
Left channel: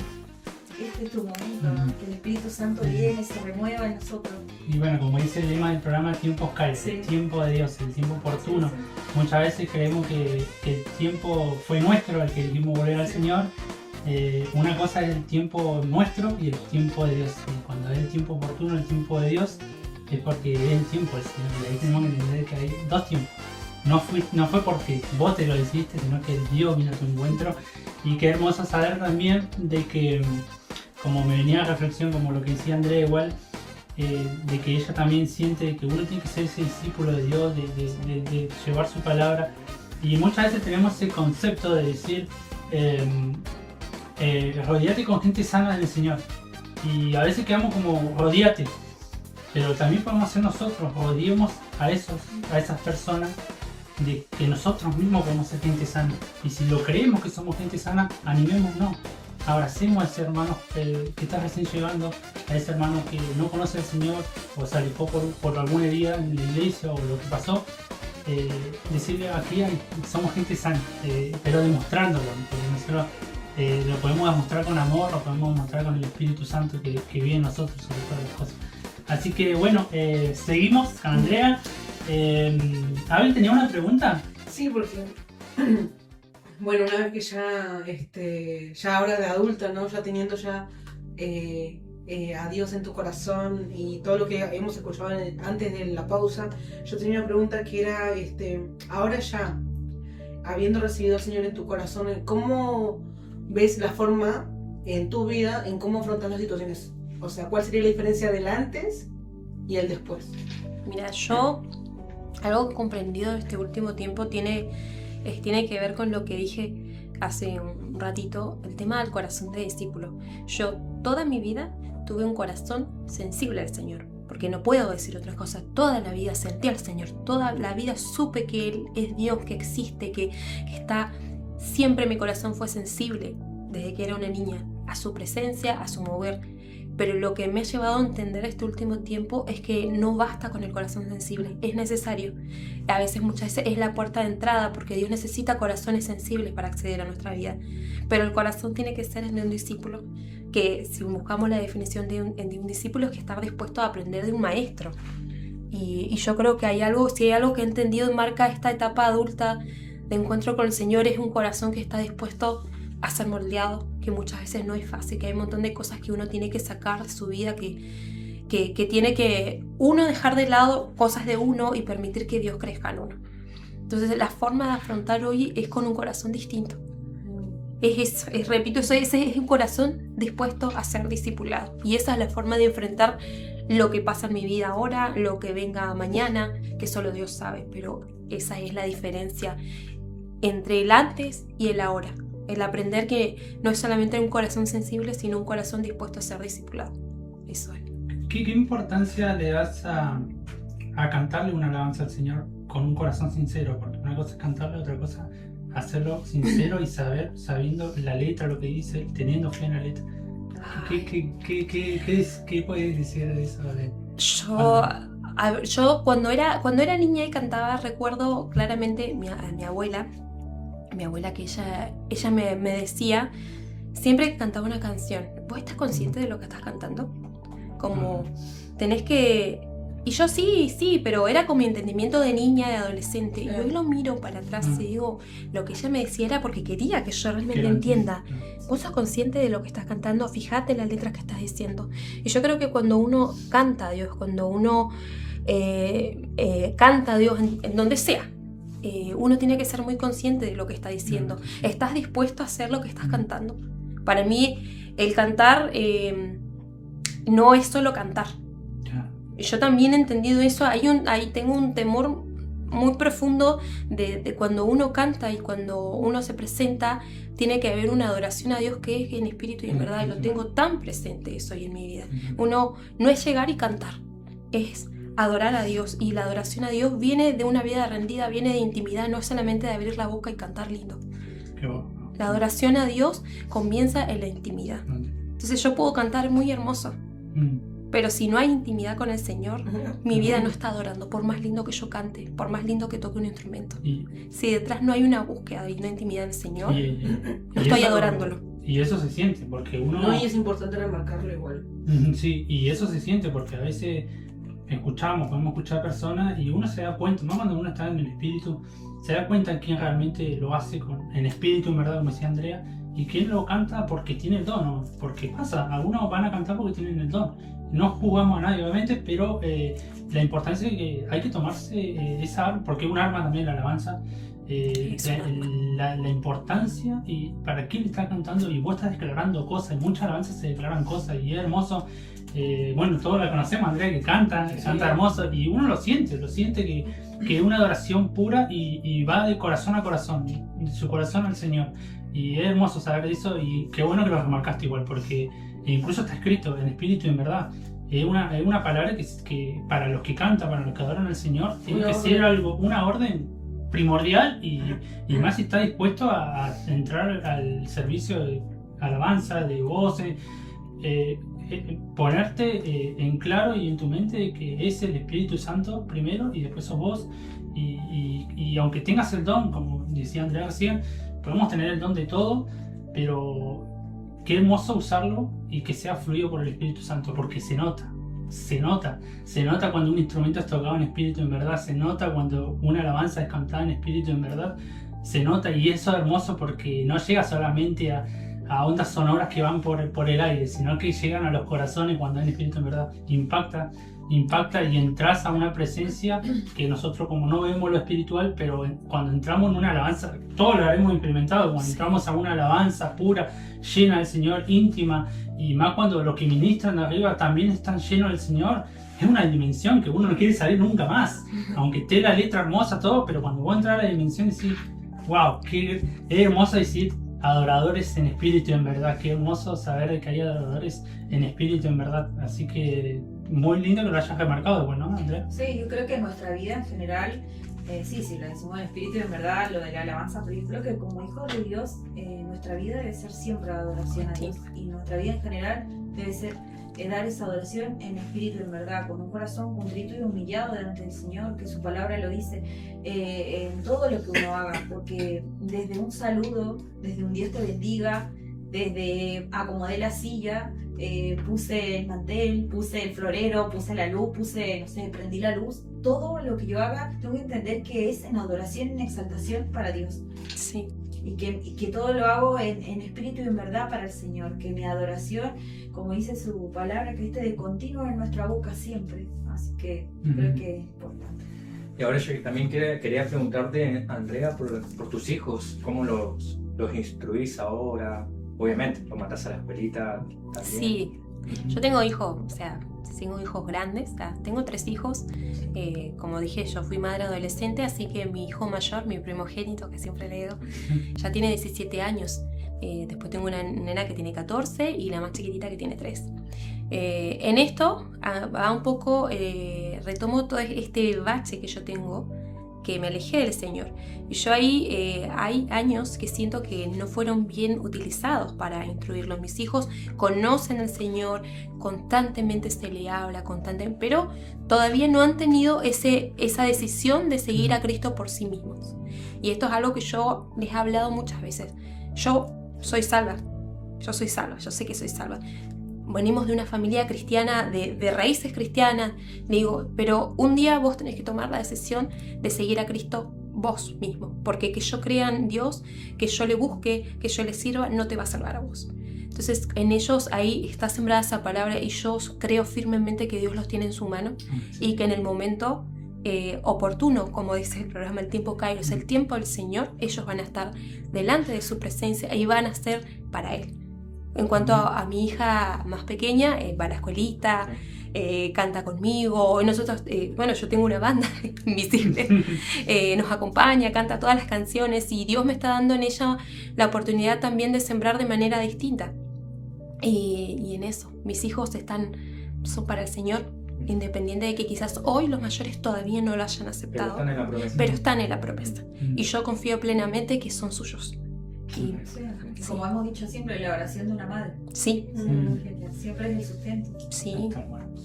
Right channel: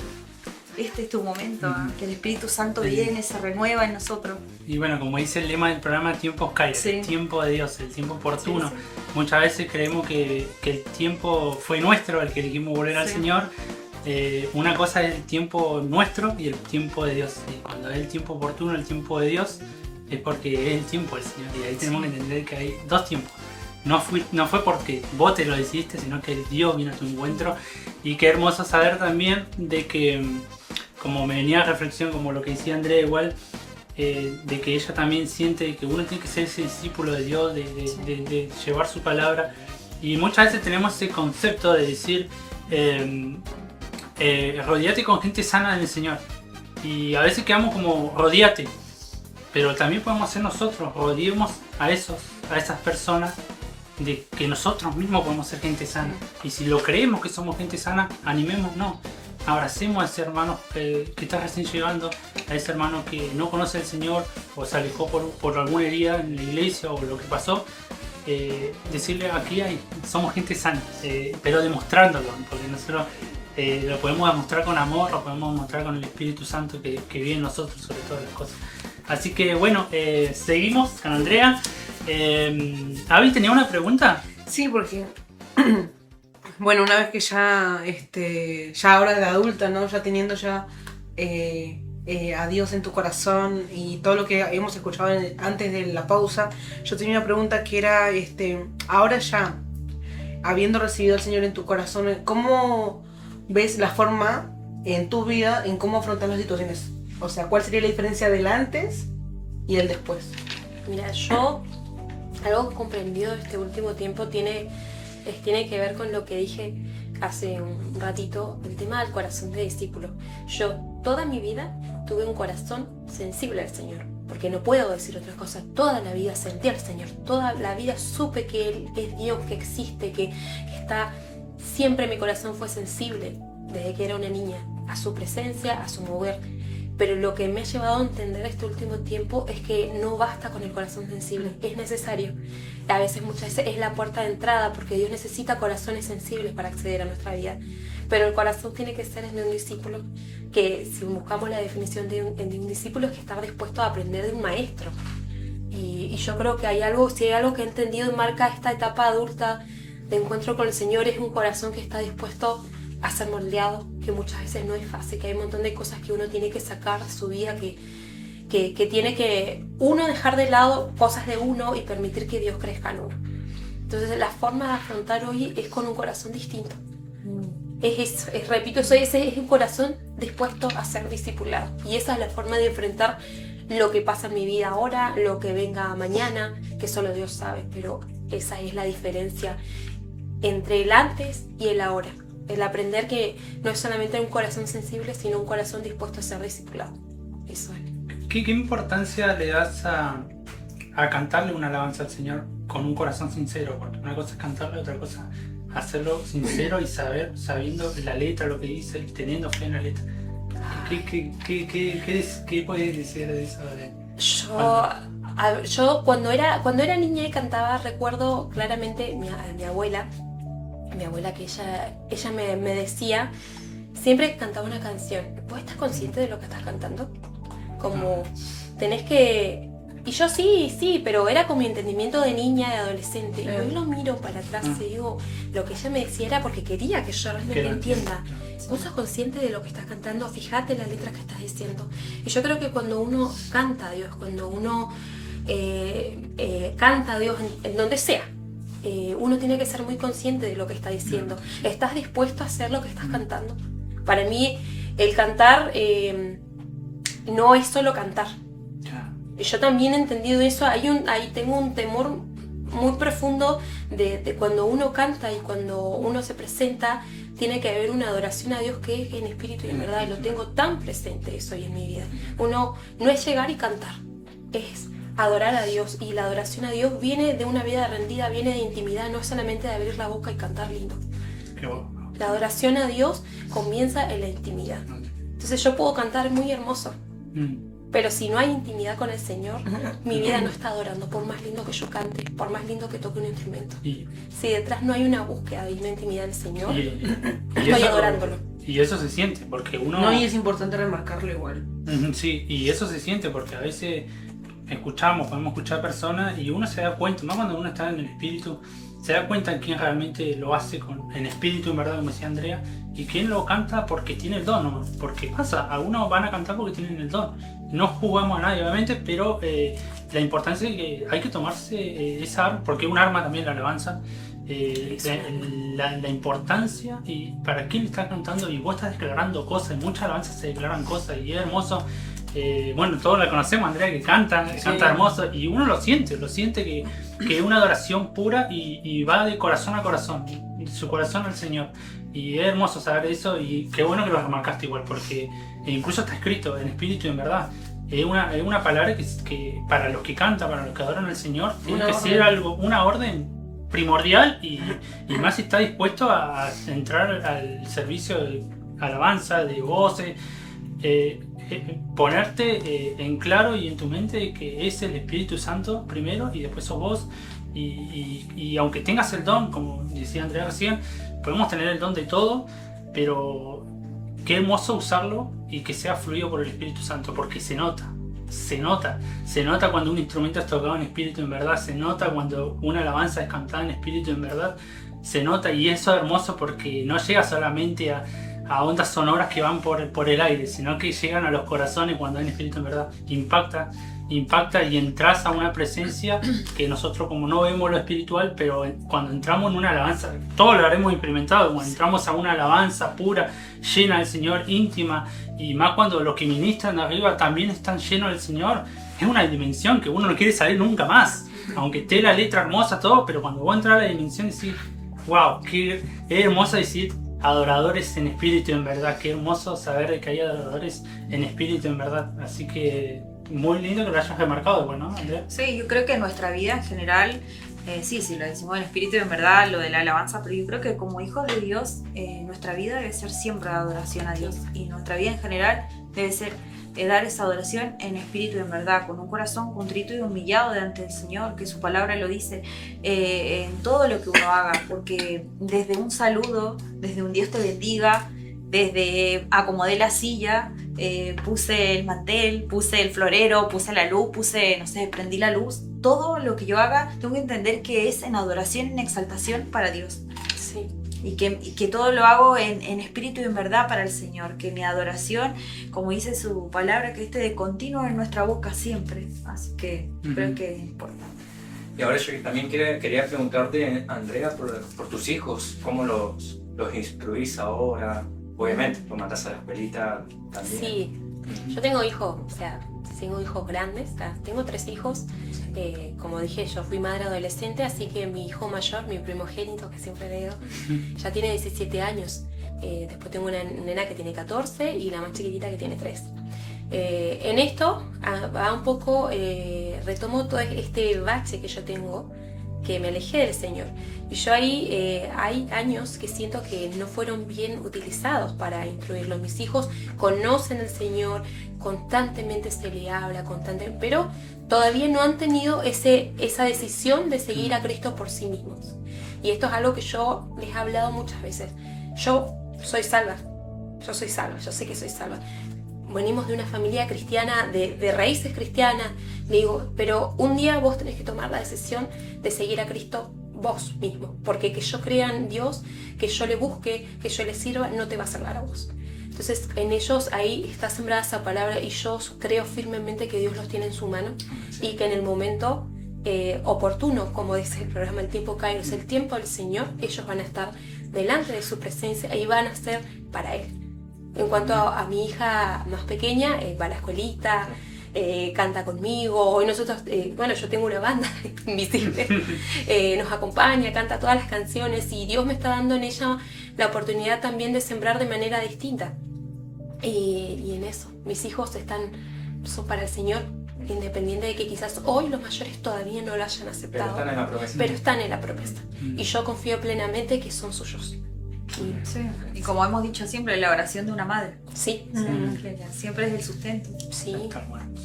este es tu momento, que el Espíritu Santo viene, se renueva en nosotros. Y bueno, como dice el lema del programa, tiempos Kairos, el tiempo de Dios, el tiempo oportuno. Muchas veces creemos que el tiempo fue nuestro, el que elegimos volver al Señor. Una cosa es el tiempo nuestro y el tiempo de Dios. Y cuando es el tiempo oportuno, el tiempo de Dios, es porque es el tiempo del Señor. Y ahí tenemos que entender que hay 2 tiempos. No fue porque vos te lo decidiste, sino que Dios vino a tu encuentro. Y qué hermoso saber también de que, como me venía a reflexión, como lo que decía Andrea igual, de que ella también siente que uno tiene que ser ese discípulo de Dios, de llevar su palabra. Y muchas veces tenemos ese concepto de decir, rodeate con gente sana del Señor. Y a veces quedamos como, rodeate. Pero también podemos ser nosotros, rodeemos a esas personas, de que nosotros mismos podemos ser gente sana. Y si lo creemos que somos gente sana, animémonos, abracemos a ese hermano que está recién llegando, a ese hermano que no conoce al Señor o se alejó por alguna herida en la iglesia o lo que pasó. Decirle, aquí somos gente sana, pero demostrándolo, porque nosotros lo podemos demostrar con amor, lo podemos demostrar con el Espíritu Santo que vive en nosotros sobre todas las cosas. Así que bueno, seguimos con Andrea. ¿Abby tenía una pregunta? Sí, porque bueno, una vez que ya ahora de adulta, ¿no? Ya teniendo ya a Dios en tu corazón y todo lo que hemos escuchado antes de la pausa, yo tenía una pregunta que era, ahora ya, habiendo recibido al Señor en tu corazón, ¿cómo ves la forma en tu vida en cómo afrontar las situaciones? O sea, ¿cuál sería la diferencia del antes y el después? Mira, yo algo comprendido este último tiempo tiene que ver con lo que dije hace un ratito, el tema del corazón de discípulo. Yo toda mi vida tuve un corazón sensible al Señor, porque no puedo decir otra cosa. Toda la vida sentí al Señor, toda la vida supe que Él es Dios, que existe, que está. Siempre mi corazón fue sensible, desde que era una niña, a su presencia, a su mover. Pero lo que me ha llevado a entender este último tiempo es que no basta con el corazón sensible, es necesario. A veces, muchas veces, es la puerta de entrada, porque Dios necesita corazones sensibles para acceder a nuestra vida. Pero el corazón tiene que ser el de un discípulo, que si buscamos la definición de un discípulo es que está dispuesto a aprender de un maestro. Y yo creo que si hay algo que he entendido y marca esta etapa adulta de encuentro con el Señor, es un corazón que está dispuesto a ser moldeado, que muchas veces no es fácil, que hay un montón de cosas que uno tiene que sacar de su vida, que tiene que uno dejar de lado cosas de uno y permitir que Dios crezca en uno. Entonces la forma de afrontar hoy es con un corazón distinto. Repito, ese es un corazón dispuesto a ser discipulado. Y esa es la forma de enfrentar lo que pasa en mi vida ahora, lo que venga mañana, que solo Dios sabe. Pero esa es la diferencia entre el antes y el ahora. El aprender que no es solamente un corazón sensible, sino un corazón dispuesto a ser discipulado. Eso es. ¿Qué importancia le das a cantarle una alabanza al Señor con un corazón sincero? Porque una cosa es cantarle, otra cosa hacerlo sincero y sabiendo la letra, lo que dice, y teniendo fe en la letra. ¿Qué puedes decir de eso? Yo cuando era niña y cantaba, recuerdo claramente mi abuela que ella me decía, siempre que cantaba una canción, ¿vos estás consciente de lo que estás cantando? como tenés que... Y yo sí, pero era con mi entendimiento de niña, de adolescente. Y hoy lo miro para atrás y digo, lo que ella me decía era porque quería que yo realmente entienda. Vos sos consciente de lo que estás cantando, fíjate las letras que estás diciendo. Y yo creo que cuando uno canta a Dios, cuando uno canta a Dios en donde sea, uno tiene que ser muy consciente de lo que está diciendo. ¿Estás dispuesto a hacer lo que estás cantando? Para mí, el cantar no es solo cantar. Yo también he entendido eso. Ahí tengo un temor muy profundo de cuando uno canta y cuando uno se presenta, tiene que haber una adoración a Dios que es en espíritu y en verdad. Y lo tengo tan presente eso hoy en mi vida. Uno no es llegar y cantar, es adorar a Dios. Y la adoración a Dios viene de una vida rendida, viene de intimidad, no solamente de abrir la boca y cantar lindo. Qué bueno. La adoración a Dios comienza en la intimidad. Entonces yo puedo cantar muy hermoso, pero si no hay intimidad con el Señor, mi vida no está adorando, por más lindo que yo cante, por más lindo que toque un instrumento. Si detrás no hay una búsqueda y una intimidad del Señor, no estoy adorándolo. Y eso se siente, porque uno... No, y es importante remarcarlo igual. Sí, y eso se siente porque a veces podemos escuchar personas y uno se da cuenta, más cuando uno está en el espíritu, se da cuenta en quién realmente lo hace en espíritu, en verdad, como decía Andrea, y quién lo canta porque tiene el don, ¿no? Porque pasa, algunos van a cantar porque tienen el don. No jugamos a nadie, obviamente, pero la importancia es que hay que tomarse esa arma, porque es un arma también la alabanza, la importancia y para quién está cantando, y vos estás declarando cosas, muchas alabanzas se declaran cosas y es hermoso. Bueno, todos la conocemos, Andrea, que canta hermoso y uno lo siente que es una adoración pura y va de corazón a corazón, de su corazón al Señor. Y es hermoso saber eso y qué bueno que lo remarcaste igual, porque incluso está escrito en espíritu y en verdad. Es una palabra que para los que cantan, para los que adoran al Señor, tiene que ser una orden primordial y más si está dispuesto a entrar al servicio de alabanza, de voces, ponerte en claro y en tu mente que es el Espíritu Santo primero y después sos vos y aunque tengas el don, como decía Andrea recién, podemos tener el don de todo, pero qué hermoso usarlo y que sea fluido por el Espíritu Santo, porque se nota cuando un instrumento es tocado en espíritu en verdad, se nota cuando una alabanza es cantada en espíritu en verdad, se nota, y eso es hermoso porque no llega solamente a ondas sonoras que van por el aire, sino que llegan a los corazones cuando hay espíritu en verdad, impacta y entras a una presencia que nosotros como no vemos lo espiritual, pero cuando entramos en una alabanza, todos lo habremos implementado, cuando entramos a una alabanza pura, llena del Señor, íntima, y más cuando los que ministran arriba también están llenos del Señor, es una dimensión que uno no quiere salir nunca más, aunque esté la letra hermosa, todo, pero cuando vos entras a la dimensión decís, wow, qué hermoso decir adoradores en espíritu en verdad, qué hermoso saber que hay adoradores en espíritu en verdad, así que muy lindo que lo hayas remarcado, bueno, ¿no, Andrea? Sí, yo creo que en nuestra vida en general, sí, lo decimos en espíritu en verdad, lo de la alabanza, pero yo creo que como hijos de Dios, nuestra vida debe ser siempre de adoración a Dios, y nuestra vida en general debe ser dar esa adoración en espíritu en verdad, con un corazón contrito y humillado delante del Señor, que su palabra lo dice, en todo lo que uno haga, porque desde un saludo, desde un Dios te bendiga, desde acomodé la silla, puse el mantel, puse el florero, puse la luz, prendí la luz, todo lo que yo haga tengo que entender que es en adoración, en exaltación para Dios. Sí. Y que todo lo hago en espíritu y en verdad para el Señor, que mi adoración, como dice su palabra, que esté de continuo en nuestra boca siempre, así que creo que es importante. Y ahora yo también quería preguntarte, Andrea, por tus hijos, ¿cómo los instruís ahora? Obviamente, los mandas a la escuelita también. Sí, yo tengo hijos, tengo hijos grandes, tengo 3 hijos, como dije, yo fui madre adolescente, así que mi hijo mayor, mi primogénito, que siempre le digo, ya tiene 17 años, después tengo una nena que tiene 14 y la más chiquitita que tiene 3. En esto, va un poco, retomo todo este bache que yo tengo, que me alejé del Señor. Y yo ahí hay años que siento que no fueron bien utilizados para instruirlos. Mis hijos conocen al Señor, constantemente se le habla, pero todavía no han tenido esa decisión de seguir a Cristo por sí mismos. Y esto es algo que yo les he hablado muchas veces. Yo soy salva, yo sé que soy salva. venimos de una familia cristiana, de raíces cristianas. Le digo, pero un día vos tenés que tomar la decisión de seguir a Cristo vos mismo, porque que yo crea en Dios, que yo le busque, que yo le sirva, no te va a salvar a vos. Entonces en ellos ahí está sembrada esa palabra y yo creo firmemente que Dios los tiene en su mano y que en el momento oportuno, como dice el programa El Tiempo Kairos, el tiempo del Señor, ellos van a estar delante de su presencia y van a ser para Él. En cuanto a mi hija más pequeña, va a la escuelita, canta conmigo, y nosotros, bueno, yo tengo una banda invisible, nos acompaña, canta todas las canciones y Dios me está dando en ella la oportunidad también de sembrar de manera distinta. Y en eso, mis hijos son para el Señor, independiente de que quizás hoy los mayores todavía no lo hayan aceptado, pero están en la promesa. Y yo confío plenamente que son suyos. Sí. Y como hemos dicho siempre, la oración de una madre. Sí. Que siempre es el sustento. Sí.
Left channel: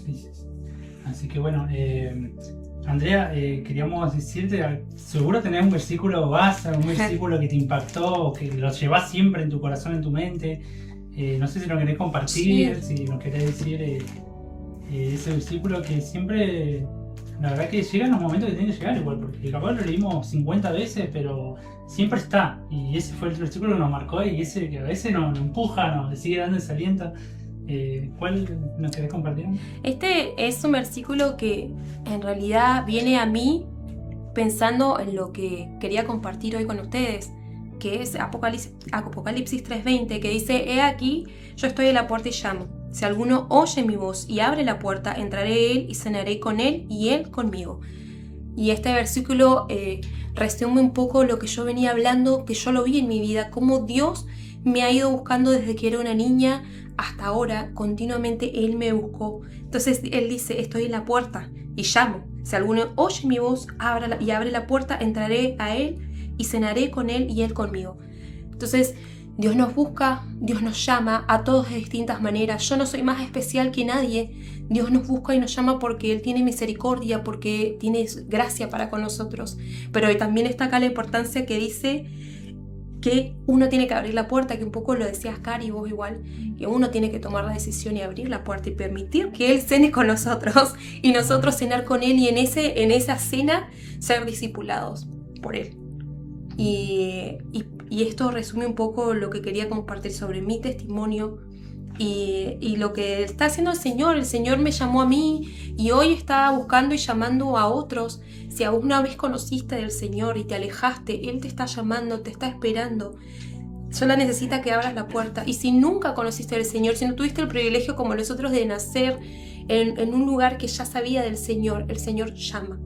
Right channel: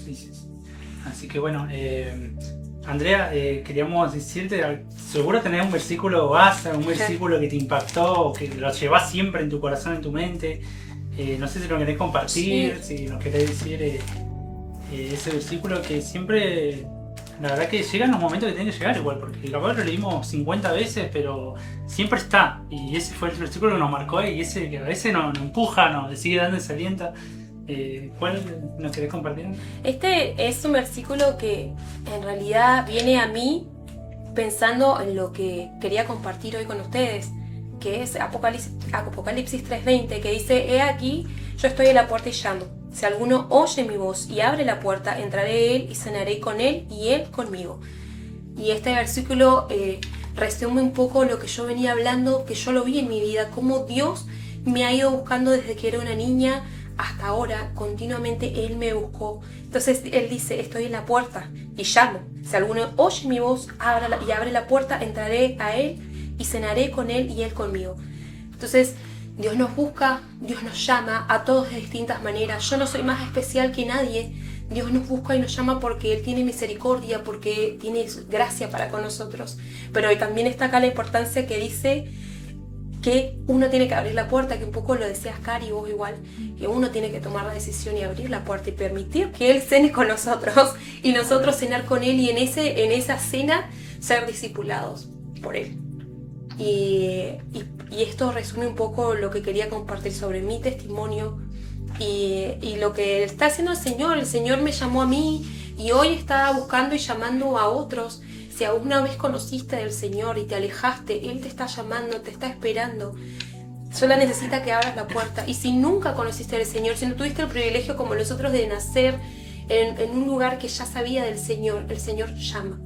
Sí. Así que bueno, Andrea, queríamos decirte, seguro tenés un versículo base, un versículo que te impactó, o que lo llevas siempre en tu corazón, en tu mente. No sé si lo querés compartir, si nos querés decir ese versículo que siempre, la verdad que llega en los momentos que tiene que llegar igual, porque capaz lo leímos 50 veces, pero siempre está. Y ese fue el versículo que nos marcó y ese que a veces nos empuja, nos sigue dando ese aliento. ¿Cuál nos querés compartir? Este es un versículo que en realidad viene a mí pensando en lo que quería compartir hoy con ustedes, que es Apocalipsis 3:20, que dice: he aquí, yo estoy en la puerta y llamo. Si alguno oye mi voz y abre la puerta, entraré a él y cenaré con él y él conmigo. Y este versículo resume un poco lo que yo venía hablando, que yo lo vi en mi vida, cómo Dios me ha ido buscando desde que era una niña hasta ahora, continuamente Él me buscó. Entonces Él dice: estoy en la puerta y llamo. Si alguno oye mi voz y abre la puerta, entraré a Él y cenaré con Él y Él conmigo. Entonces Dios nos busca, Dios nos llama a todos de distintas maneras. Yo no soy más especial que nadie. Dios nos busca y nos llama porque Él tiene misericordia, porque tiene gracia para con nosotros. Pero también está acá la importancia que dice que uno tiene que abrir la puerta, que un poco lo decías, Cari, vos igual, que uno tiene que tomar la decisión y abrir la puerta y permitir que Él cene con nosotros y nosotros cenar con Él y en esa cena ser discipulados por Él. Y esto resume un poco lo que quería compartir sobre mi testimonio y lo que está haciendo el Señor. El Señor me llamó a mí y hoy está buscando y llamando a otros. Si alguna vez conociste del Señor y te alejaste, Él te está llamando, te está esperando. Solo necesita que abras la puerta. Y si nunca conociste del Señor, si no tuviste el privilegio como nosotros de nacer en un lugar que ya sabía del Señor, el Señor llama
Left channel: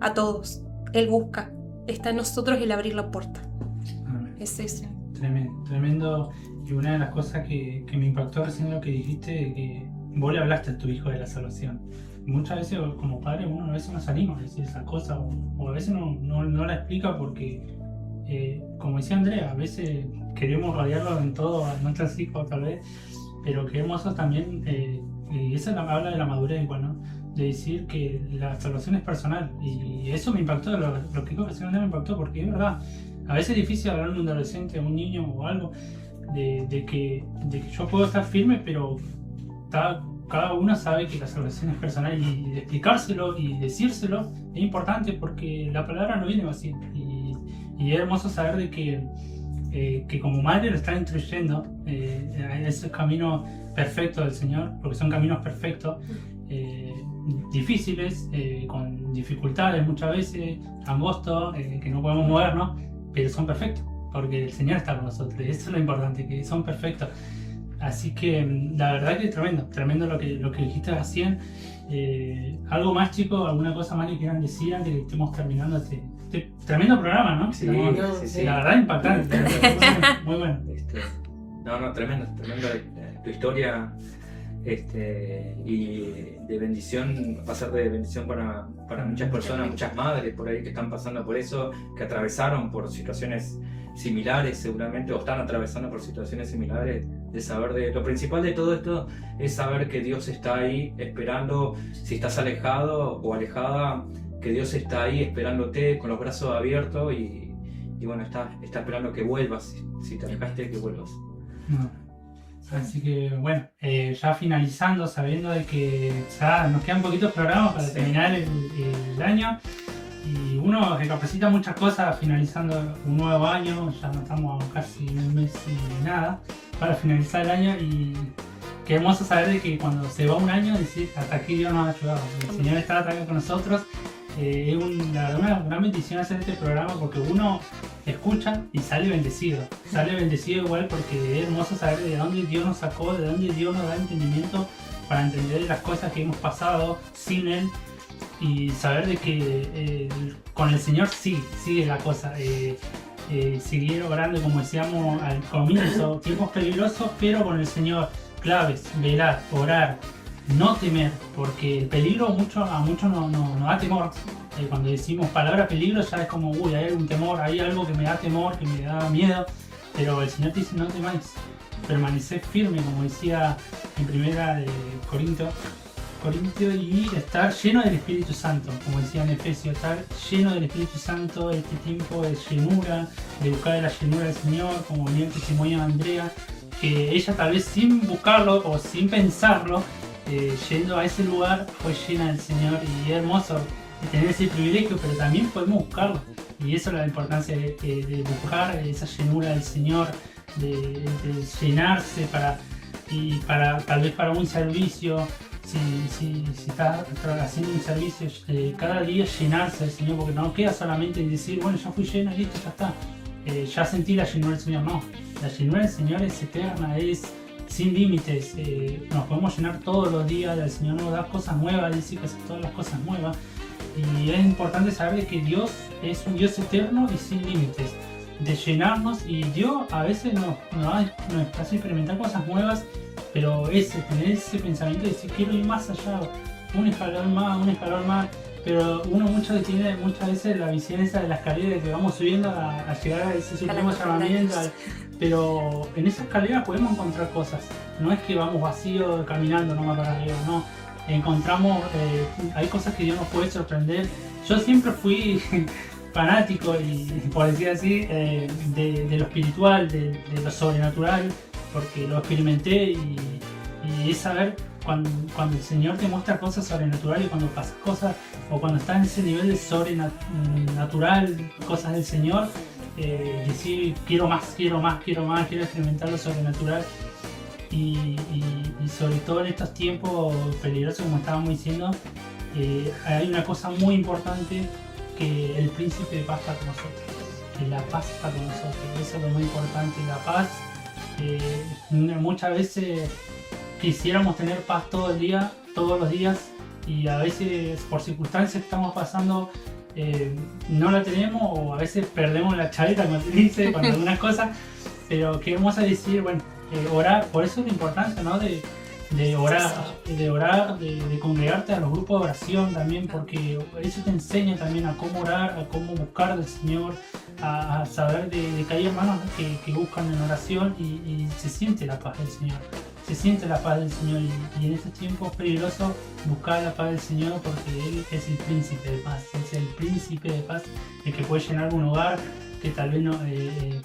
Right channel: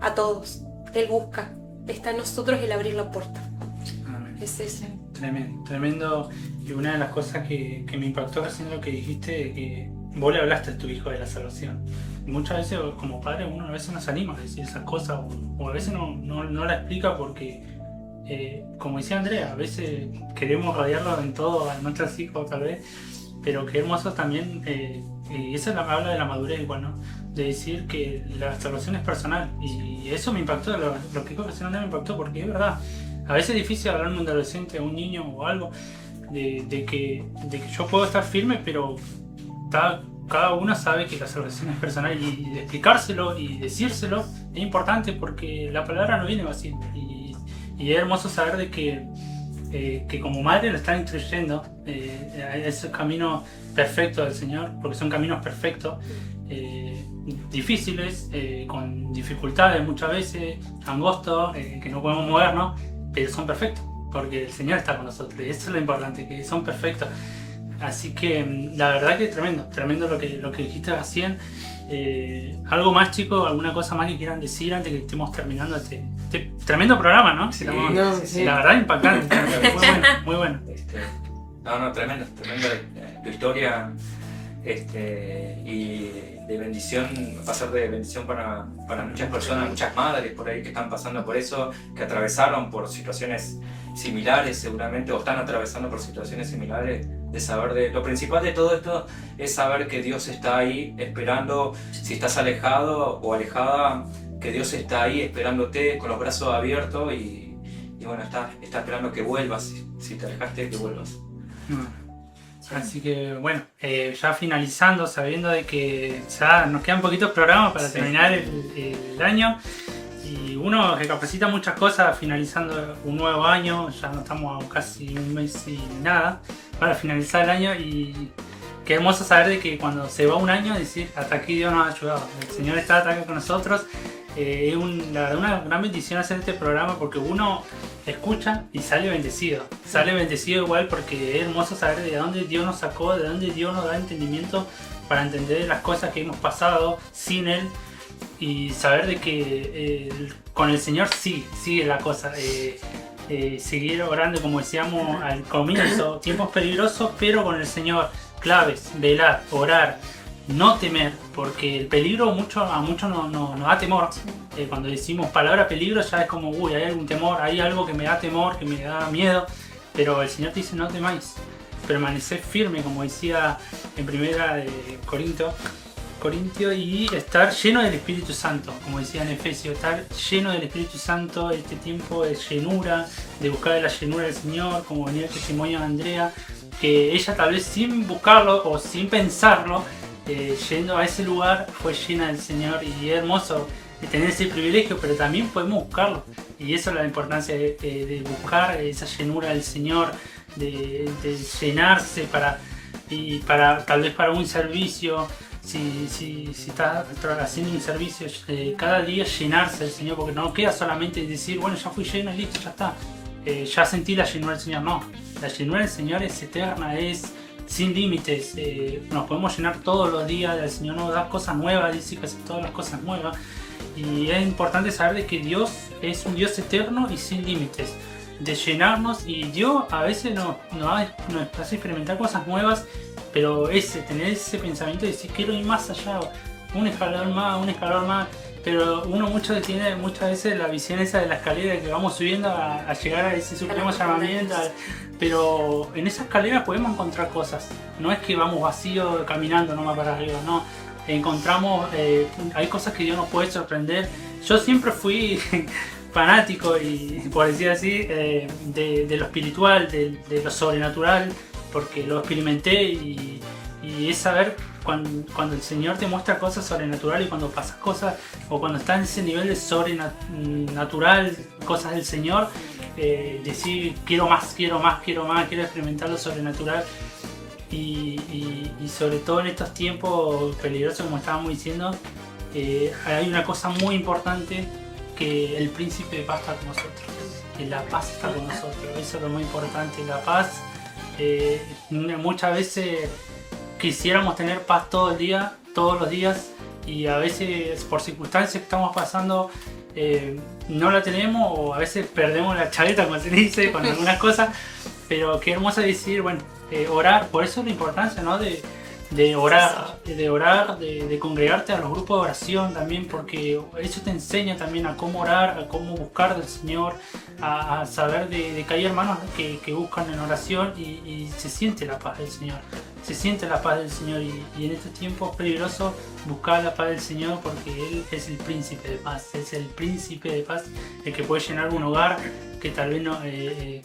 a todos. Él busca. Está en nosotros el abrir la puerta. Es eso. Tremendo. Y una de las cosas que me impactó recién lo que dijiste, que vos le hablaste a tu hijo de la salvación. Muchas veces como padre uno a veces no se anima a decir esas cosas o a veces no la explica porque, como decía Andrea, a veces queremos rodearlo en todo a nuestros hijos tal vez, pero qué hermoso también, y eso habla de la madurez igual, ¿no? De decir que la salvación es personal y eso me impactó, lo que dijo que Andrea me impactó porque es verdad, a veces es difícil hablar de un adolescente, un niño o algo, de que yo puedo estar firme, pero cada uno sabe que la salvación es personal y explicárselo y decírselo es importante porque la palabra no viene vacía y es hermoso saber de que como madre lo están instruyendo a ese camino perfecto del Señor, porque son caminos perfectos, difíciles, con dificultades muchas veces, angostos, que no podemos movernos, pero son perfectos porque el Señor está con nosotros y eso es lo importante, que son perfectos. Así que la verdad que tremendo lo que dijiste recién. Algo más, chicos, alguna cosa más que quieran decir antes que estemos terminando este tremendo programa, ¿no? Sí, sí. La verdad impactante, muy bueno. Tremendo tu historia y de bendición, pasar de bendición para muchas personas, muchas madres por ahí que están pasando por eso, que atravesaron por situaciones similares seguramente o están atravesando por situaciones similares. De saber lo principal de todo esto es saber que Dios está ahí esperando, si estás alejado o alejada, que Dios está ahí esperándote con los brazos abiertos y bueno, está esperando que vuelvas, si te alejaste, que vuelvas. Así que bueno, ya finalizando, sabiendo de que ya nos quedan poquitos programas para terminar el año. Y uno recapacita muchas cosas finalizando un nuevo año, ya no estamos a casi un mes y nada para finalizar el año, y qué hermoso saber de que cuando se va un año decir hasta aquí Dios nos ha ayudado, el Señor está acá con nosotros. Es la verdad una gran bendición hacer este programa porque uno escucha y sale bendecido igual, porque es hermoso saber de dónde Dios nos sacó, de dónde Dios nos da entendimiento para entender las cosas que hemos pasado sin Él. Y saber de que con el Señor sigue la cosa. Seguir orando, como decíamos al comienzo, tiempos peligrosos, pero con el Señor, claves, velar, orar, no temer, porque el peligro a muchos nos da temor. Cuando decimos palabra peligro ya es como, uy, hay algún temor, hay algo que me da temor, que me da miedo, pero el Señor te dice no temáis, permanecer firme, como decía en primera de Corintios, y estar lleno del Espíritu Santo, como decía en Efesios, estar lleno del Espíritu Santo, este tiempo de llenura, de buscar la llenura del Señor, como venía el testimonio de Andrea, que ella tal vez sin buscarlo o sin pensarlo, yendo a ese lugar fue llena del Señor, y es hermoso tener ese privilegio, pero también podemos buscarlo, y eso es la importancia de buscar esa llenura del Señor, de llenarse para tal vez para un servicio. Si está haciendo un servicio, cada día llenarse del Señor, porque no queda solamente decir, bueno, ya fui lleno y listo, ya está. Ya sentí la llenura del Señor, no. La llenura del Señor es eterna, es sin límites. Nos podemos llenar todos los días, el Señor nos da cosas nuevas, dice que hace todas las cosas nuevas. Y es importante saber de que Dios es un Dios eterno y sin límites. De llenarnos, y Dios a veces nos hace experimentar cosas nuevas, pero tener ese pensamiento de decir quiero ir más allá, un escalón más, pero uno tiene muchas veces la visión esa de la escalera que vamos subiendo a llegar a ese supremo llamamiento, pero en esa escalera podemos encontrar cosas, no es que vamos vacíos caminando nomás para arriba, no, encontramos, hay cosas que Dios nos puede sorprender. Yo siempre fui fanático, y por decir así, de lo espiritual, de lo sobrenatural, porque lo experimenté, y es saber cuando el Señor te muestra cosas sobrenaturales, y cuando pasas cosas, o cuando estás en ese nivel de sobrenatural, cosas del Señor, decir quiero más, quiero experimentar lo sobrenatural, y sobre todo en estos tiempos peligrosos, como estábamos diciendo, hay una cosa muy importante, que el príncipe de paz está con nosotros, que la paz está con nosotros, eso es lo muy importante, la paz. Muchas veces quisiéramos tener paz todos los días, y a veces por circunstancias que estamos pasando no la tenemos, o a veces perdemos la chaveta, como se dice, con algunas cosas, pero qué hermoso decir, bueno, orar, por eso es la importancia, ¿no? de orar, de congregarte a los grupos de oración también, porque eso te enseña también a cómo orar, a cómo buscar del Señor, a saber de que hay hermanos que buscan en oración, y se siente la paz del Señor, y en estos tiempos peligrosos buscar la paz del Señor, porque Él es el príncipe de paz, el que puede llenar un hogar que tal vez no,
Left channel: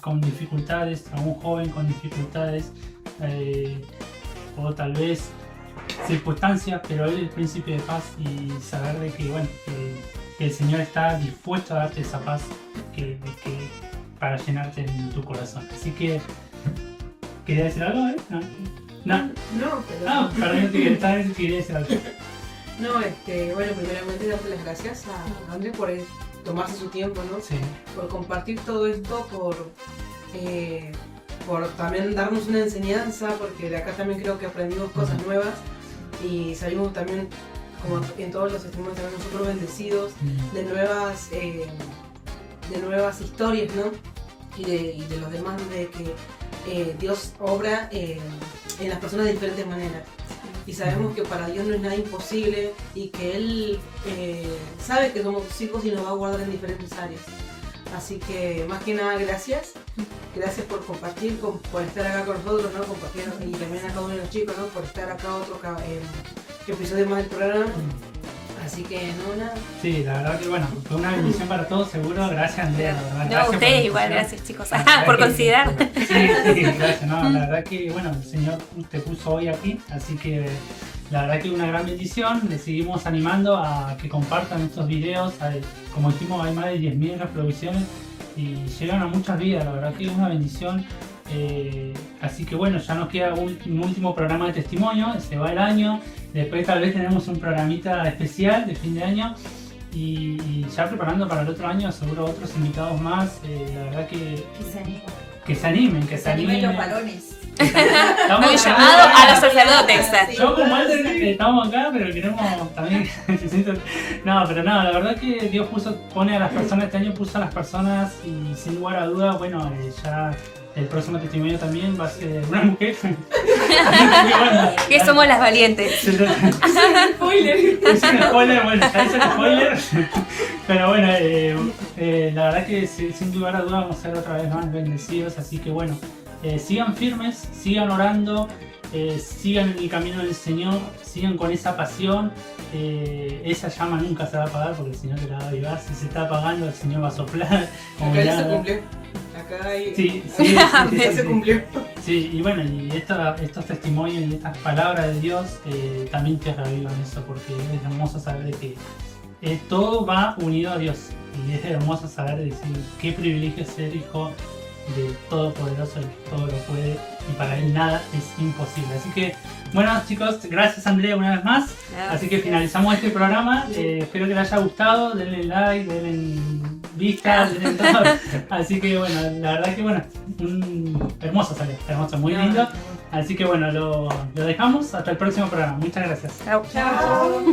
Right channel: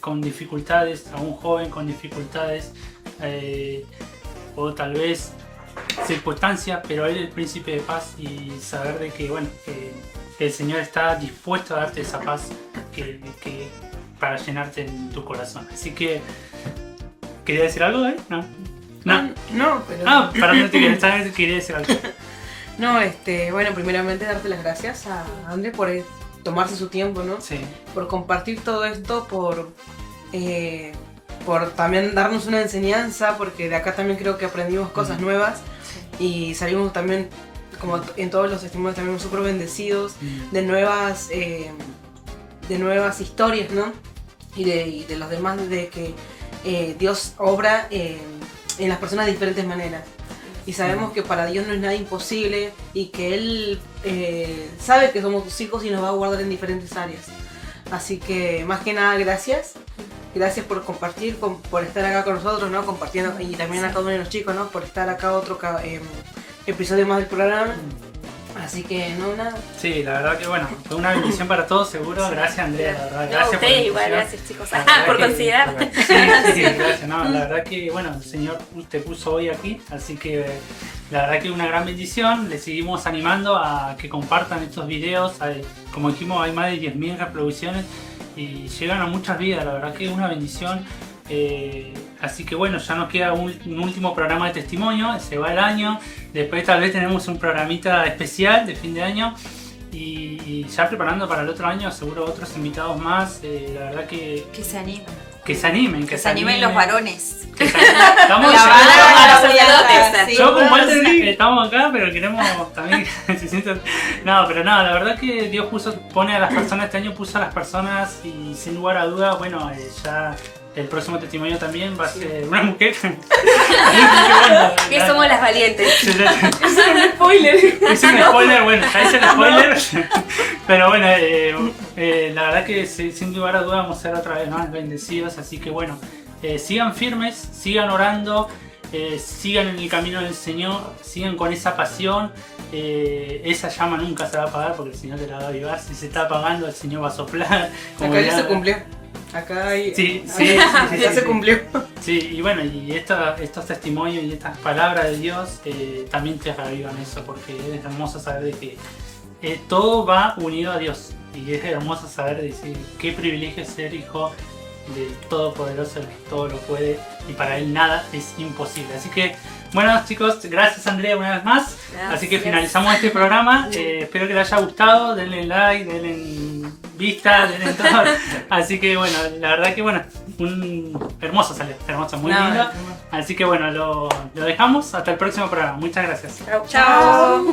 con dificultades, a un joven con dificultades, o tal vez circunstancias, pero Él es el príncipe de paz, y saber de que, bueno, que el Señor está dispuesto a darte esa paz que para llenarte en tu corazón. Así que, ¿quería decir algo, No, pero... para no te quería decir algo. No, bueno, primeramente darte las gracias a André por tomarse su tiempo, ¿no? Sí. Por compartir todo esto, por también darnos una enseñanza, porque de acá también creo que aprendimos cosas nuevas, y salimos también, como en todos los testimonios, también súper bendecidos de nuevas historias, ¿no? Y de los demás, de que Dios obra en las personas de diferentes maneras. Y sabemos que para Dios no es nada imposible, y que Él sabe que somos sus hijos y nos va a guardar en diferentes áreas. Así que, más que nada, gracias por compartir, por estar acá con nosotros, ¿no? Compartiendo, y también a cada uno de los chicos, ¿no? Por estar acá otro episodio más del programa. Así Así que en una... Sí, la verdad que bueno, fue una bendición para todos, seguro. Gracias, Andrea, la verdad. No, Gracias por ustedes la igual, invitación. gracias chicos, La verdad por que- considerar. Sí, gracias. No, la verdad que bueno, el Señor te puso hoy aquí, así que la verdad que una gran bendición. Le seguimos animando a que compartan estos videos. Como dijimos, hay más de 10.000 reproducciones y llegan a muchas vidas. La verdad que es una bendición. Así que bueno, ya nos queda un último programa de testimonio, se va el año, después tal vez tenemos un programita especial de fin de año y ya preparando para el otro año seguro otros invitados más, la verdad que se animen. se animen, Que se animen los varones. Estamos La llamando verdad, a los sacerdotes. Sí, yo con Walter sí. estamos acá, pero queremos también que se sientan. No, pero no, la verdad que Dios pone a las personas, este año puso a las personas y sin lugar a duda, bueno, ya el próximo testimonio también va a ser una mujer. Que somos las valientes. Spoiler. Es un spoiler, bueno, ya hice el spoiler. Pero bueno, la verdad que sin lugar a duda vamos a ser otra vez más bendecidos, así que bueno, sigan firmes, sigan orando, sigan en el camino del Señor, sigan con esa pasión. Esa llama nunca se va a apagar porque el Señor te la va a avivar. Si se está apagando, el Señor va a soplar. como Acá ya se nada. cumplió. Acá hay... Ya se cumplió. Sí, y bueno, y estos testimonios y estas palabras de Dios también te reavivan eso, porque es hermoso saber de que todo va unido a Dios. Y es hermoso saber decir qué privilegio es ser hijo del Todopoderoso, el que todo lo puede, y para él nada es imposible. Así que, bueno chicos, gracias Andrea una vez más. Así que finalizamos este programa. Espero que les haya gustado. Denle like, denle vista, denle todo. Así que bueno, la verdad que bueno, hermoso sale, hermoso, muy lindo. Así que bueno, lo dejamos. Hasta el próximo programa. Muchas gracias. Chao. Chao.